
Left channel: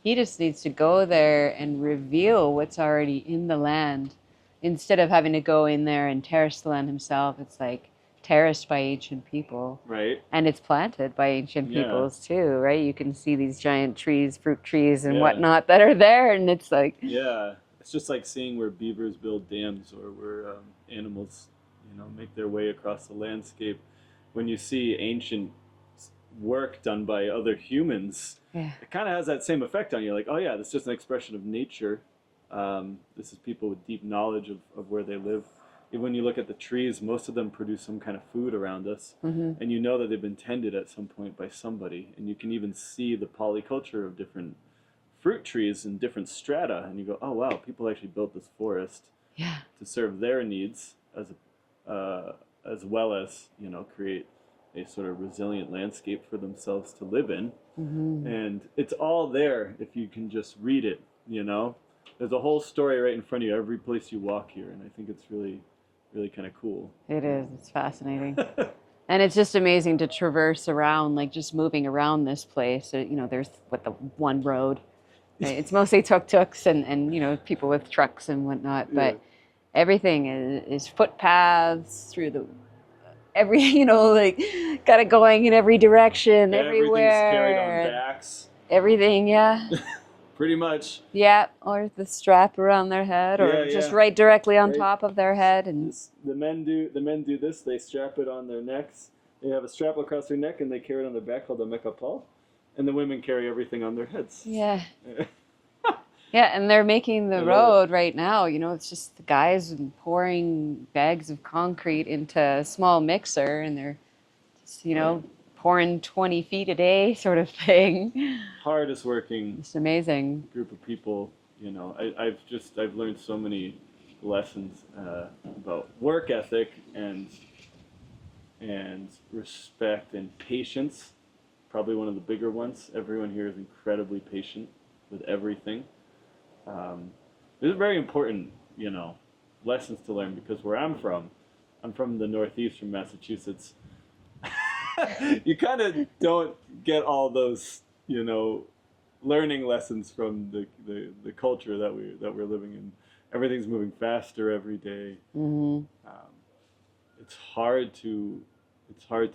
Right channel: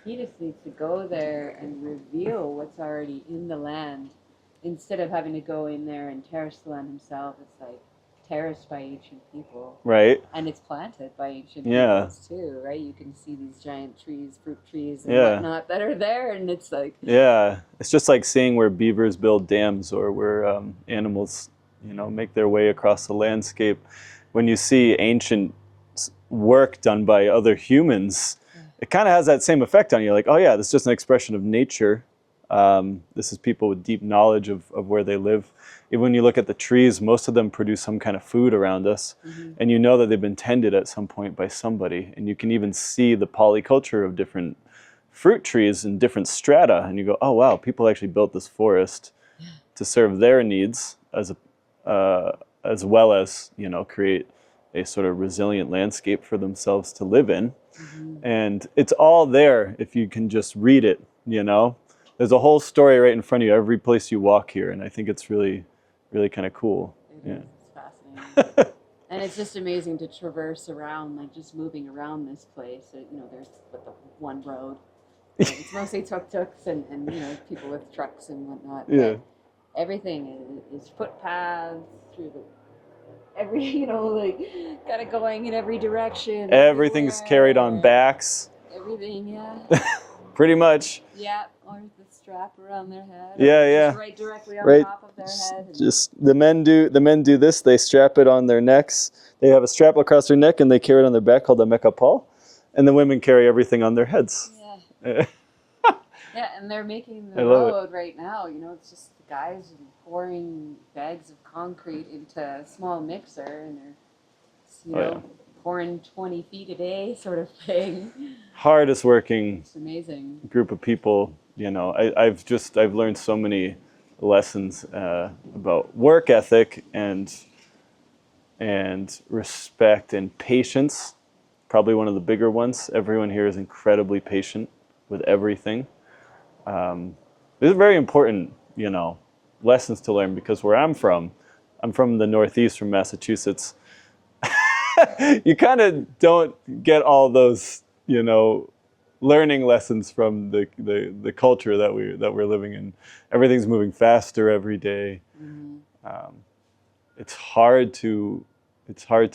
he just needs to go there and reveal what's already in the land. Instead of having to go in there and terrace the land himself, it's like terraced by ancient people. Right. And it's planted by ancient peoples too, right? You can see these giant trees, fruit trees and whatnot that are there, and it's like... Yeah, it's just like seeing where beavers build dams, or where animals, make their way across the landscape. When you see ancient work done by other humans, it kind of has that same effect on you. Like, oh yeah, this is just an expression of nature. This is people with deep knowledge of where they live. Even when you look at the trees, most of them produce some kind of food around us. And you know that they've been tended at some point by somebody. And you can even see the polyculture of different fruit trees in different strata. And you go, oh wow, people actually built this forest to serve their needs as well as, create a sort of resilient landscape for themselves to live in. And it's all there if you can just read it, There's a whole story right in front of you every place you walk here, and I think it's really, really kind of cool. It is. It's fascinating. And it's just amazing to traverse around, like just moving around this place. There's the one road. It's mostly tuk-tuks and people with trucks and whatnot, but everything is footpaths through got it going in every direction. Everything's carried on backs. Everything, Pretty much. Yeah, or the strap around their head, or just right directly on top of their head. And just the men do this. They strap it on their necks. They have a strap across their neck, and they carry it on their back called a mekapal. And the women carry everything on their heads. Yeah. Yeah, and they're making the road right now. It's just the guys pouring bags of concrete into a small mixer, and they're, pouring 20 feet a day sort of thing. Hardest working. It's amazing. Group of people. I've learned so many lessons about work ethic and respect and patience. Probably one of the bigger ones. Everyone here is incredibly patient with everything. These are very important, lessons to learn, because where I'm from the Northeast, from Massachusetts. You kind of don't get all those, learning lessons from the culture that we're living in. Everything's moving faster every day. It's hard to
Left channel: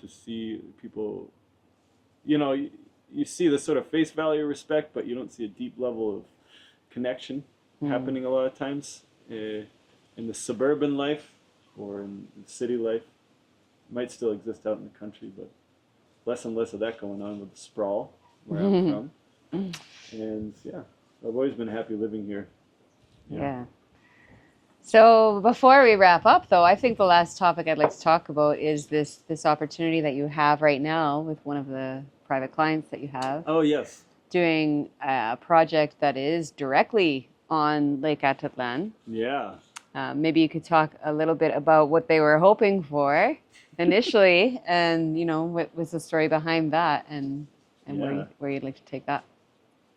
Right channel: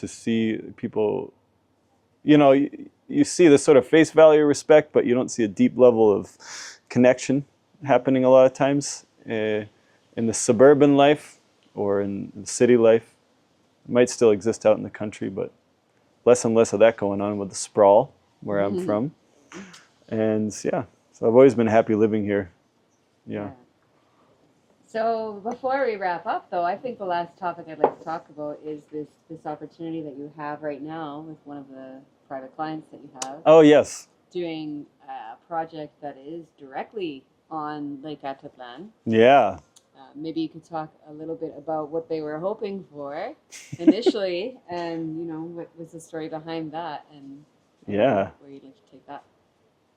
see people you know, you see this sort of face value respect, but you don't see a deep level of connection happening a lot of times in the suburban life or in the city life. It might still exist out in the country, but less and less of that going on with the sprawl where I'm from. And yeah, so I've always been happy living here. Yeah. So before we wrap up, though, I think the last topic I'd like to talk about is this opportunity that you have right now with one of the private clients that you have. Oh, yes. Doing a project that is directly on Lake Atitlan. Yeah. Maybe you could talk a little bit about what they were hoping for initially, and you know what was the story behind that, and where you'd like to take that.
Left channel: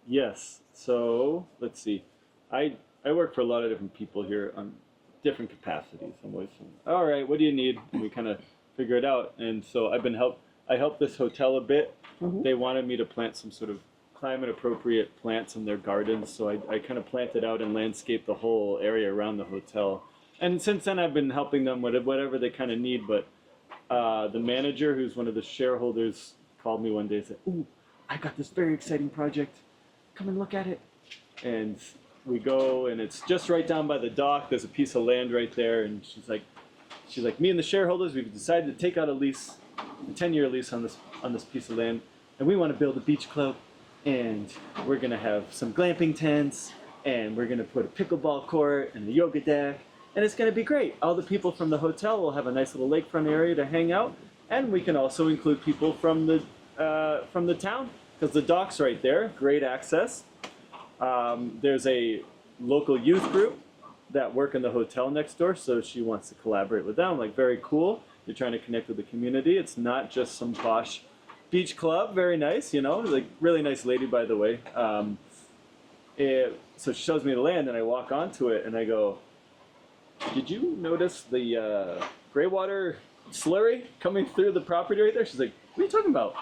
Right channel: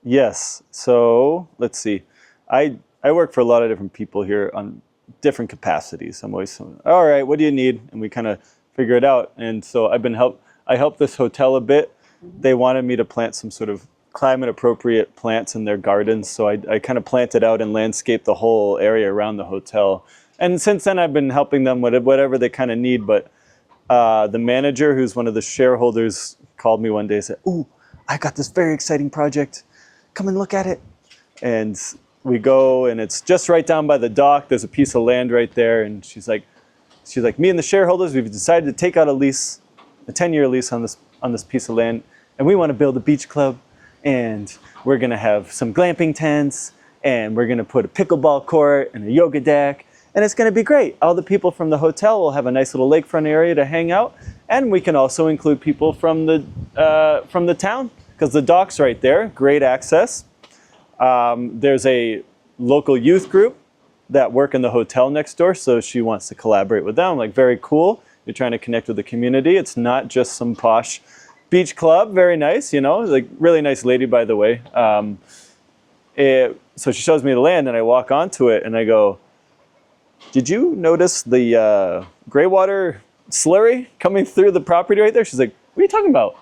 Yes. So let's see. I work for a lot of different people here on different capacities. I'm always all right. What do you need? And we kind of figure it out. And so I helped this hotel a bit. They wanted me to plant some sort of climate appropriate plants in their gardens. So I kind of planted out and landscaped the whole area around the hotel. And since then I've been helping them with whatever they kind of need. But the manager, who's one of the shareholders, called me one day and said, "Ooh, I got this very exciting project. Come and look at it." And we go, and it's just right down by the dock. There's a piece of land right there. And she's like, me and the shareholders, we've decided to take out a lease, a 10-year lease on this piece of land. And we want to build a beach club. And we're going to have some glamping tents. And we're going to put a pickleball court and a yoga deck. And it's going to be great. All the people from the hotel will have a nice little lakefront area to hang out. And we can also include people from the town, because the dock's right there, great access. There's a local youth group that work in the hotel next door, so she wants to collaborate with them. I'm like, very cool. You're trying to connect with the community. It's not just some posh beach club. Very nice, you know, like really nice lady, by the way. So she shows me the land, and I walk onto it, and I go, "Did you notice the gray water slurry coming through the property right there?" She's like, "What are you talking about?"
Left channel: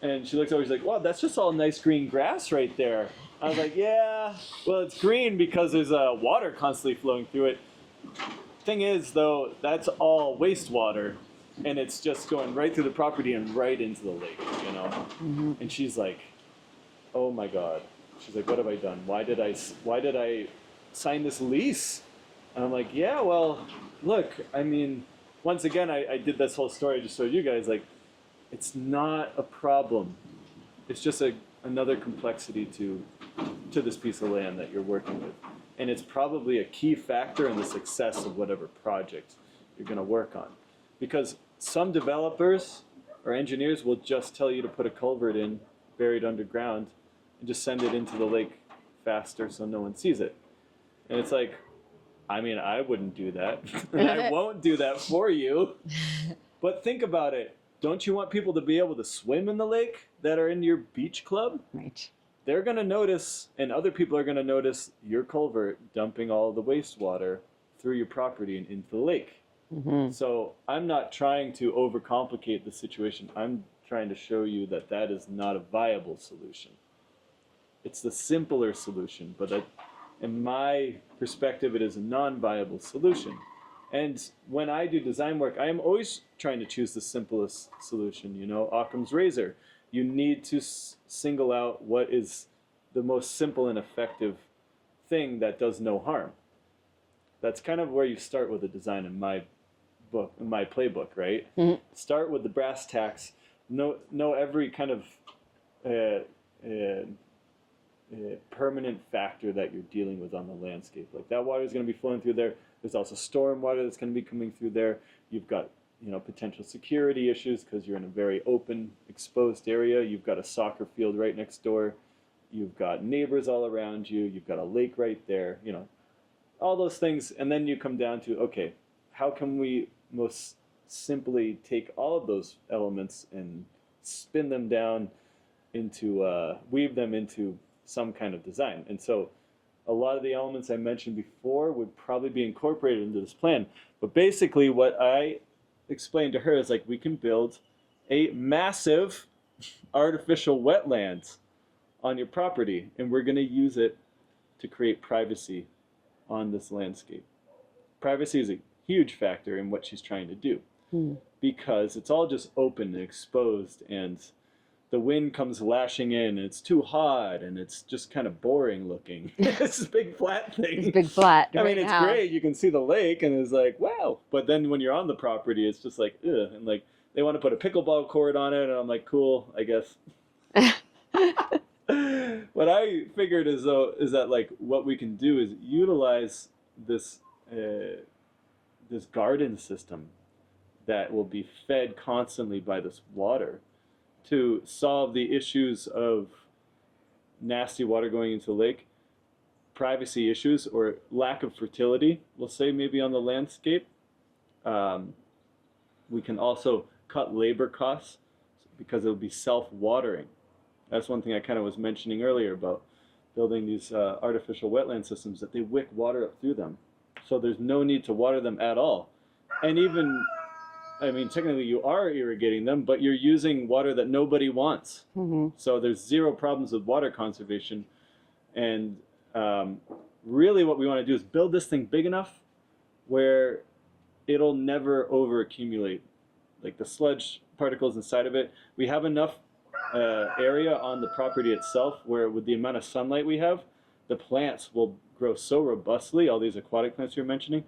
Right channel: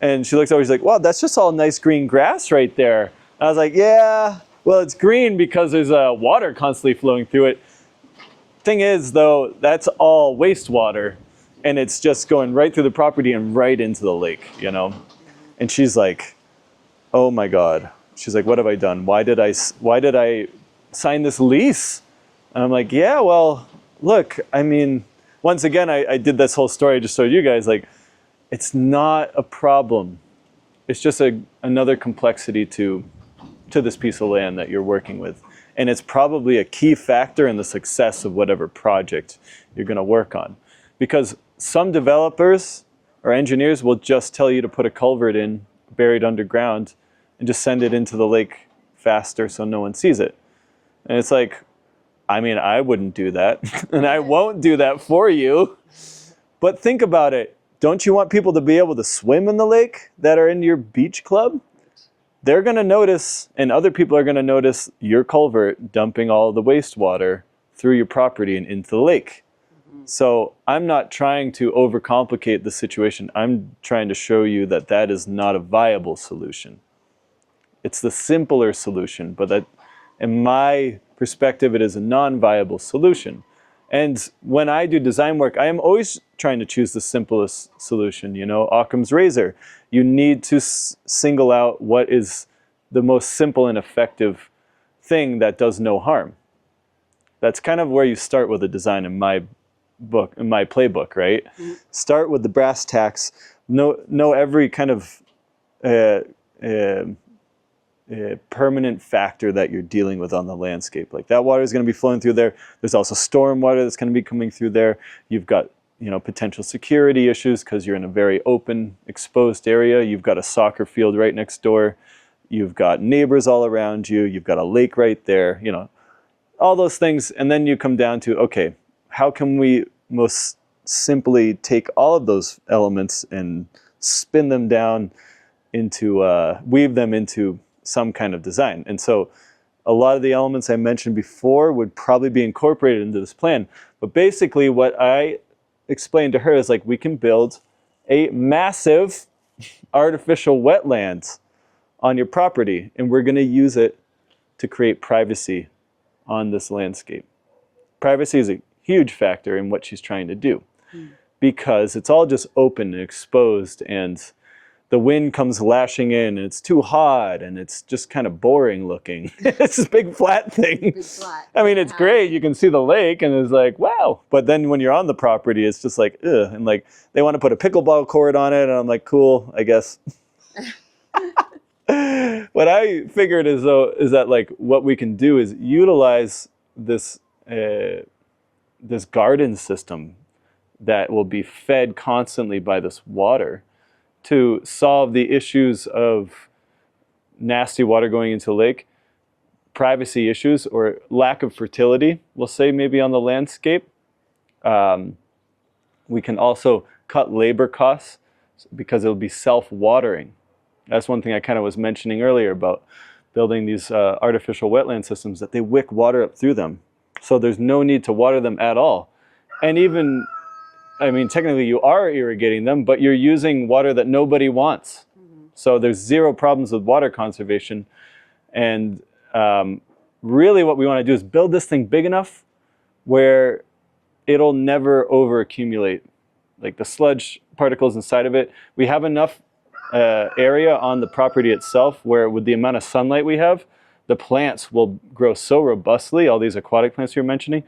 And she looks over, she's like, "Wow, that's just all nice green grass right there." I was like, "Yeah, well, it's green because there's water constantly flowing through it. Thing is, though, that's all wastewater, and it's just going right through the property and right into the lake, you know?" And she's like, "Oh my God." She's like, "What have I done? Why did I sign this lease?" And I'm like, "Yeah, well, look, I mean," once again, I did this whole story just so you guys, like, it's not a problem. It's just another complexity to this piece of land that you're working with. And it's probably a key factor in the success of whatever project you're going to work on. Because some developers or engineers will just tell you to put a culvert in, buried underground, and just send it into the lake faster so no one sees it. And it's like, I mean, I wouldn't do that, and I won't do that for you. But think about it. Don't you want people to be able to swim in the lake that are in your beach club? Right. They're going to notice, and other people are going to notice your culvert dumping all the wastewater through your property and into the lake. So I'm not trying to overcomplicate the situation. I'm trying to show you that that is not a viable solution. It's the simpler solution, but that, in my perspective, it is a non-viable solution. And when I do design work, I am always trying to choose the simplest solution, you know, Occam's razor. You need to single out what is the most simple and effective thing that does no harm. That's kind of where you start with a design in my book, in my playbook, right? Start with the brass tacks, know every kind of permanent factor that you're dealing with on the landscape. Like that water is going to be flowing through there. There's also storm water that's going to be coming through there. You've got, you know, potential security issues because you're in a very open, exposed area. You've got a soccer field right next door. You've got neighbors all around you. You've got a lake right there, you know, all those things. And then you come down to, okay, how can we most simply take all of those elements and spin them down into, weave them into some kind of design. And so a lot of the elements I mentioned before would probably be incorporated into this plan. But basically what I explained to her is like, we can build a massive artificial wetland on your property, and we're going to use it to create privacy on this landscape. Privacy is a huge factor in what she's trying to do because it's all just open and exposed, and the wind comes lashing in and it's too hot and it's just kind of boring looking. It's this big flat thing. It's big flat. I mean, it's great. You can see the lake and it's like, wow. But then when you're on the property, it's just like, ugh. And like, they want to put a pickleball court on it. And I'm like, cool, I guess. What I figured is that like what we can do is utilize this this garden system that will be fed constantly by this water to solve the issues of nasty water going into the lake, privacy issues, or lack of fertility, we'll say maybe on the landscape. We can also cut labor costs because it'll be self-watering. That's one thing I kind of was mentioning earlier about building these artificial wetland systems, that they wick water up through them. So there's no need to water them at all. And even, I mean, technically you are irrigating them, but you're using water that nobody wants. Mm-hmm. So there's zero problems with water conservation. And really what we want to do is build this thing big enough where it'll never over accumulate. Like the sludge particles inside of it, we have enough area on the property itself where with the amount of sunlight we have, the plants will grow so robustly, all these aquatic plants you're mentioning,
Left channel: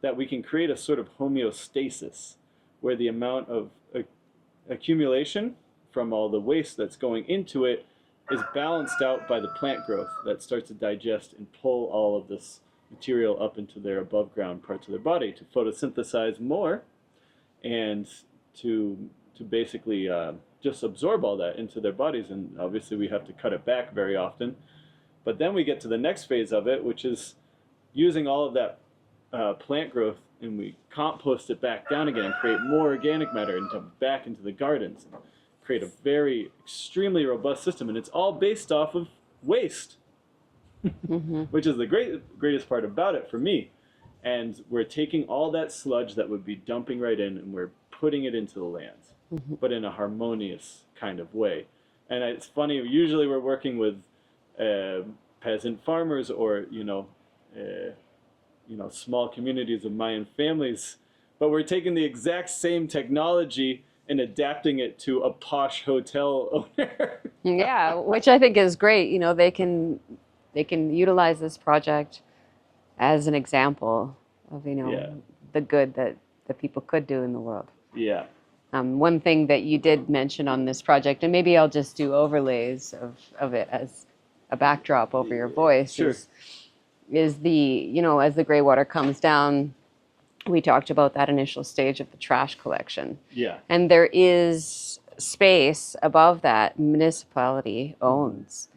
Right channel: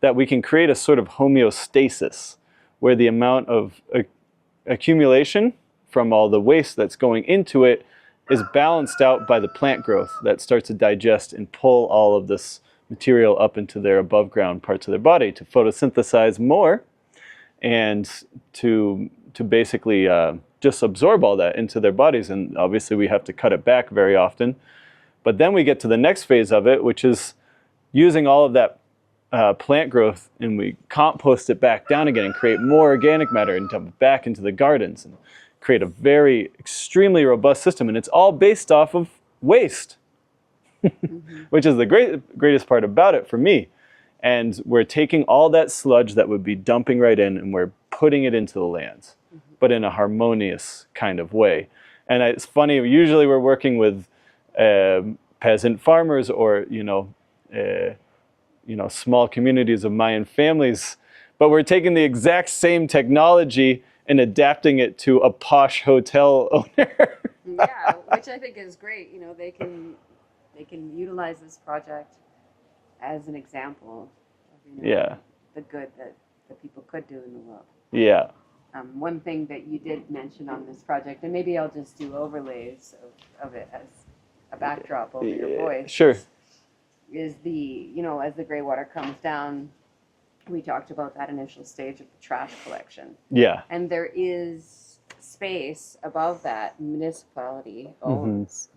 that we can create a sort of homeostasis where the amount of accumulation from all the waste that's going into it is balanced out by the plant growth that starts to digest and pull all of this material up into their above ground parts of their body to photosynthesize more and to basically just absorb all that into their bodies. And obviously we have to cut it back very often. But then we get to the next phase of it, which is using all of that plant growth, and we compost it back down again and create more organic matter and dump it back into the gardens and create a very extremely robust system. And it's all based off of waste, mm-hmm. which is the greatest part about it for me. And we're taking all that sludge that would be dumping right in and we're putting it into the lands, mm-hmm. but in a harmonious kind of way. And it's funny, usually we're working with peasant farmers or, small communities of Mayan families, but we're taking the exact same technology and adapting it to a posh hotel owner. Yeah, which I think is great. You know, they can utilize this project as an example of, the good that the people could do in the world. Yeah. One thing that you did mention on this project, and maybe I'll just do overlays of it as a backdrop over your voice. Sure. Is the, as the gray water comes down, we talked about that initial stage of the trash collection. Yeah. And there is space above that municipality owns,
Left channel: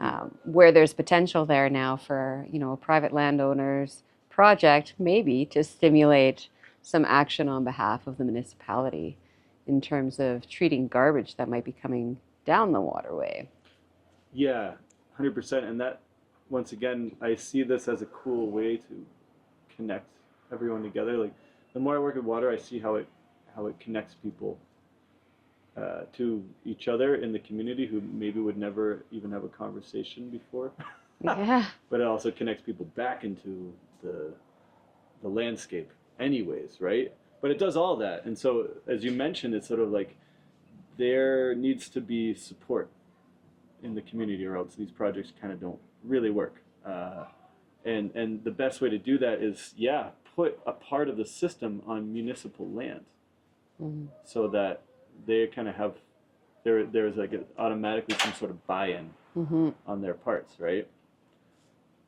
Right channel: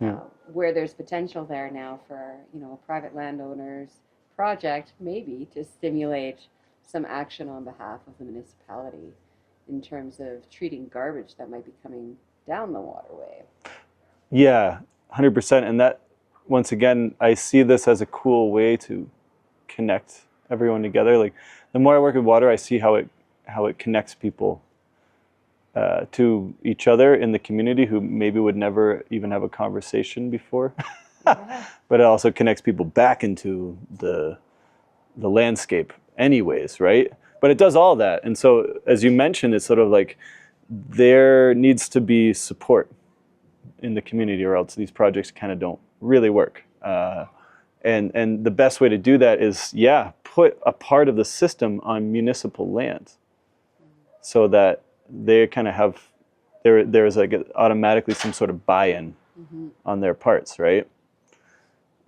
mm-hmm. Where there's potential there now for, a private landowner's project, maybe to stimulate some action on behalf of the municipality in terms of treating garbage that might be coming down the waterway. Yeah, 100%. And that, once again, I see this as a cool way to connect everyone together. Like the more I work with water, I see how it connects people to each other in the community who maybe would never even have a conversation before. Yeah. But it also connects people back into the landscape anyways, right? But it does all that. And so, as you mentioned, it's sort of like there needs to be support in the community or else these projects kind of don't really work. And the best way to do that is, put a part of the system on municipal land, mm-hmm. so that they kind of have, there is like automatically some sort of buy-in, mm-hmm. on their parts, right?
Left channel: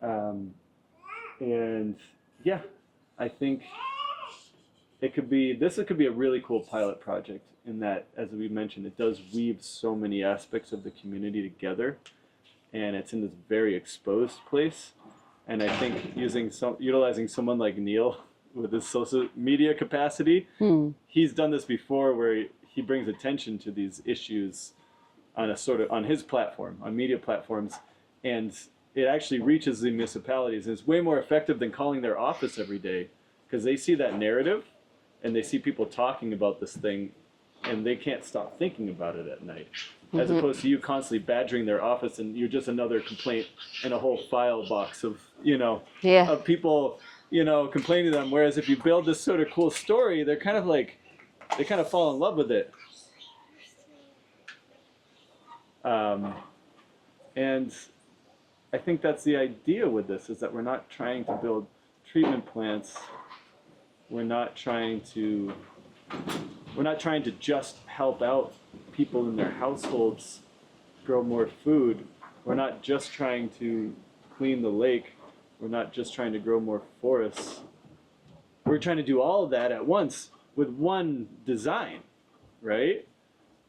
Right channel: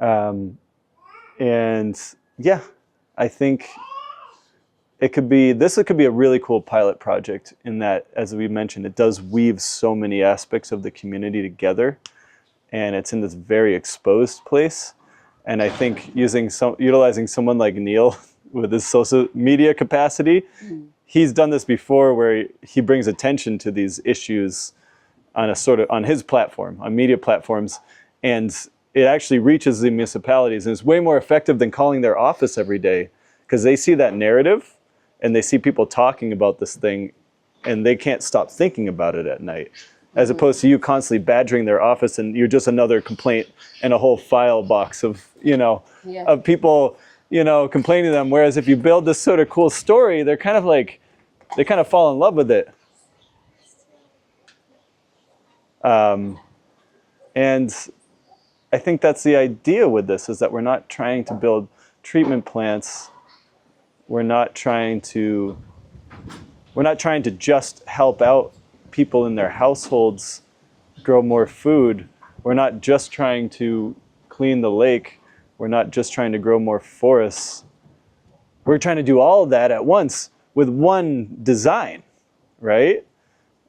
And yeah, I think this could be a really cool pilot project in that, as we mentioned, it does weave so many aspects of the community together, and it's in this very exposed place. And I think utilizing someone like Neil with his social media capacity, he's done this before where he brings attention to these issues on his platform, on media platforms, and it actually reaches the municipalities, and it's way more effective than calling their office every day, because they see that narrative and they see people talking about this thing and they can't stop thinking about it at night, mm-hmm. as opposed to you constantly badgering their office and you're just another complaint and a whole file box of, of people, complaining to them. Whereas if you build this sort of cool story, they kind of fall in love with it. And I think that's the idea with this, is that we're not trying to build treatment plants. We're not trying to just help out people in their households grow more food. We're not just trying to clean the lake. We're not just trying to grow more forests. We're trying to do all of that at once with one design, right?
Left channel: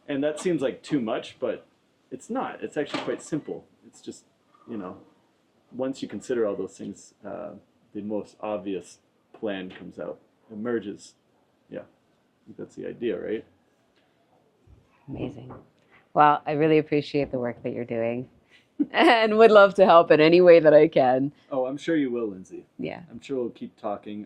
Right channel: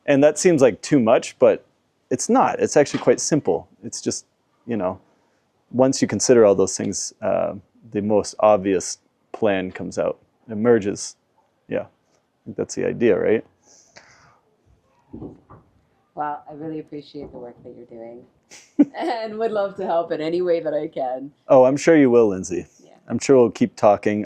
And that seems like too much, but it's not. It's actually quite simple. It's just, once you consider all those things, the most obvious plan comes out, emerges. Yeah, I think that's the idea, right? Amazing. Well, I really appreciate the work that you're doing and would love to help in any way that I can. Oh, I'm sure you will, Lindsay. Yeah. I'm sure we'll keep talking.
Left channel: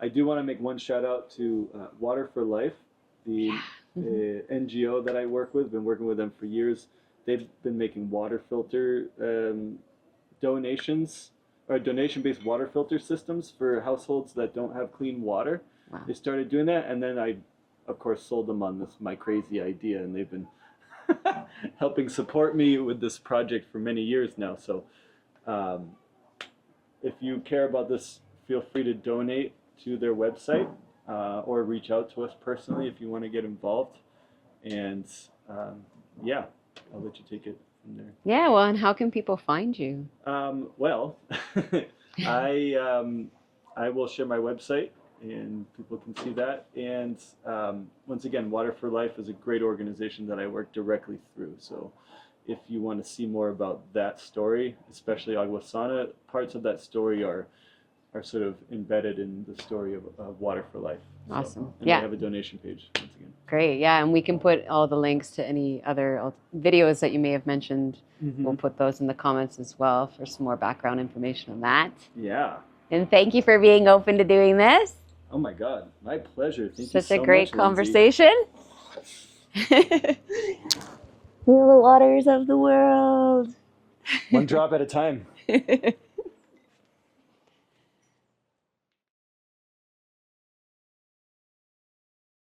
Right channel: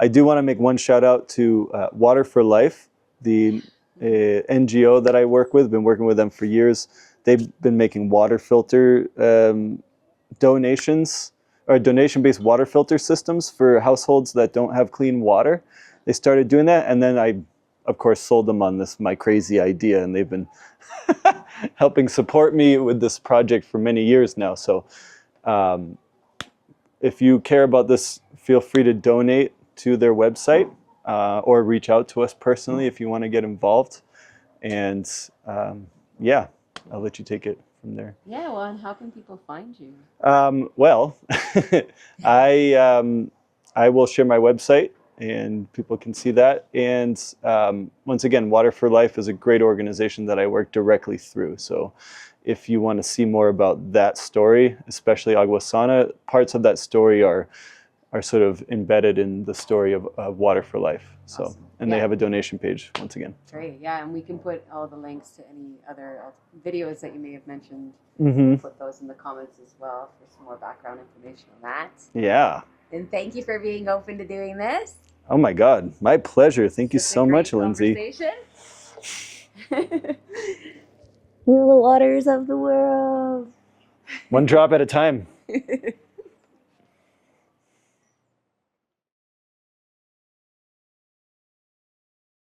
I do want to make one shout out to Water for Life, the NGO that I work with. Been working with them for years. They've been making water filter donations, or donation-based water filter systems for households that don't have clean water. Wow. They started doing that, and then I, of course, sold them on my crazy idea, and they've been helping support me with this project for many years now. So if you care about this, feel free to donate to their website or reach out to us personally if you want to get involved. And yeah, I'll let you take it from there. Yeah, well, and how can people find you? Well, I will share my website and people can see that. And once again, Water for Life is a great organization that I work directly through. So if you want to see more about that story, especially Agua Sana, parts of that story are sort of embedded in the story of Water for Life. So, awesome. And they have a donation page, once again. Great, yeah, and we can put all the links to any other videos that you may have mentioned. Mm-hmm. We'll put those in the comments as well for some more background information on that. Yeah. And thank you for being open to doing this. Oh my God, my pleasure. Thank you so much, Lindsay. Such a great conversation. Feel the waters of the world. One drop at a time.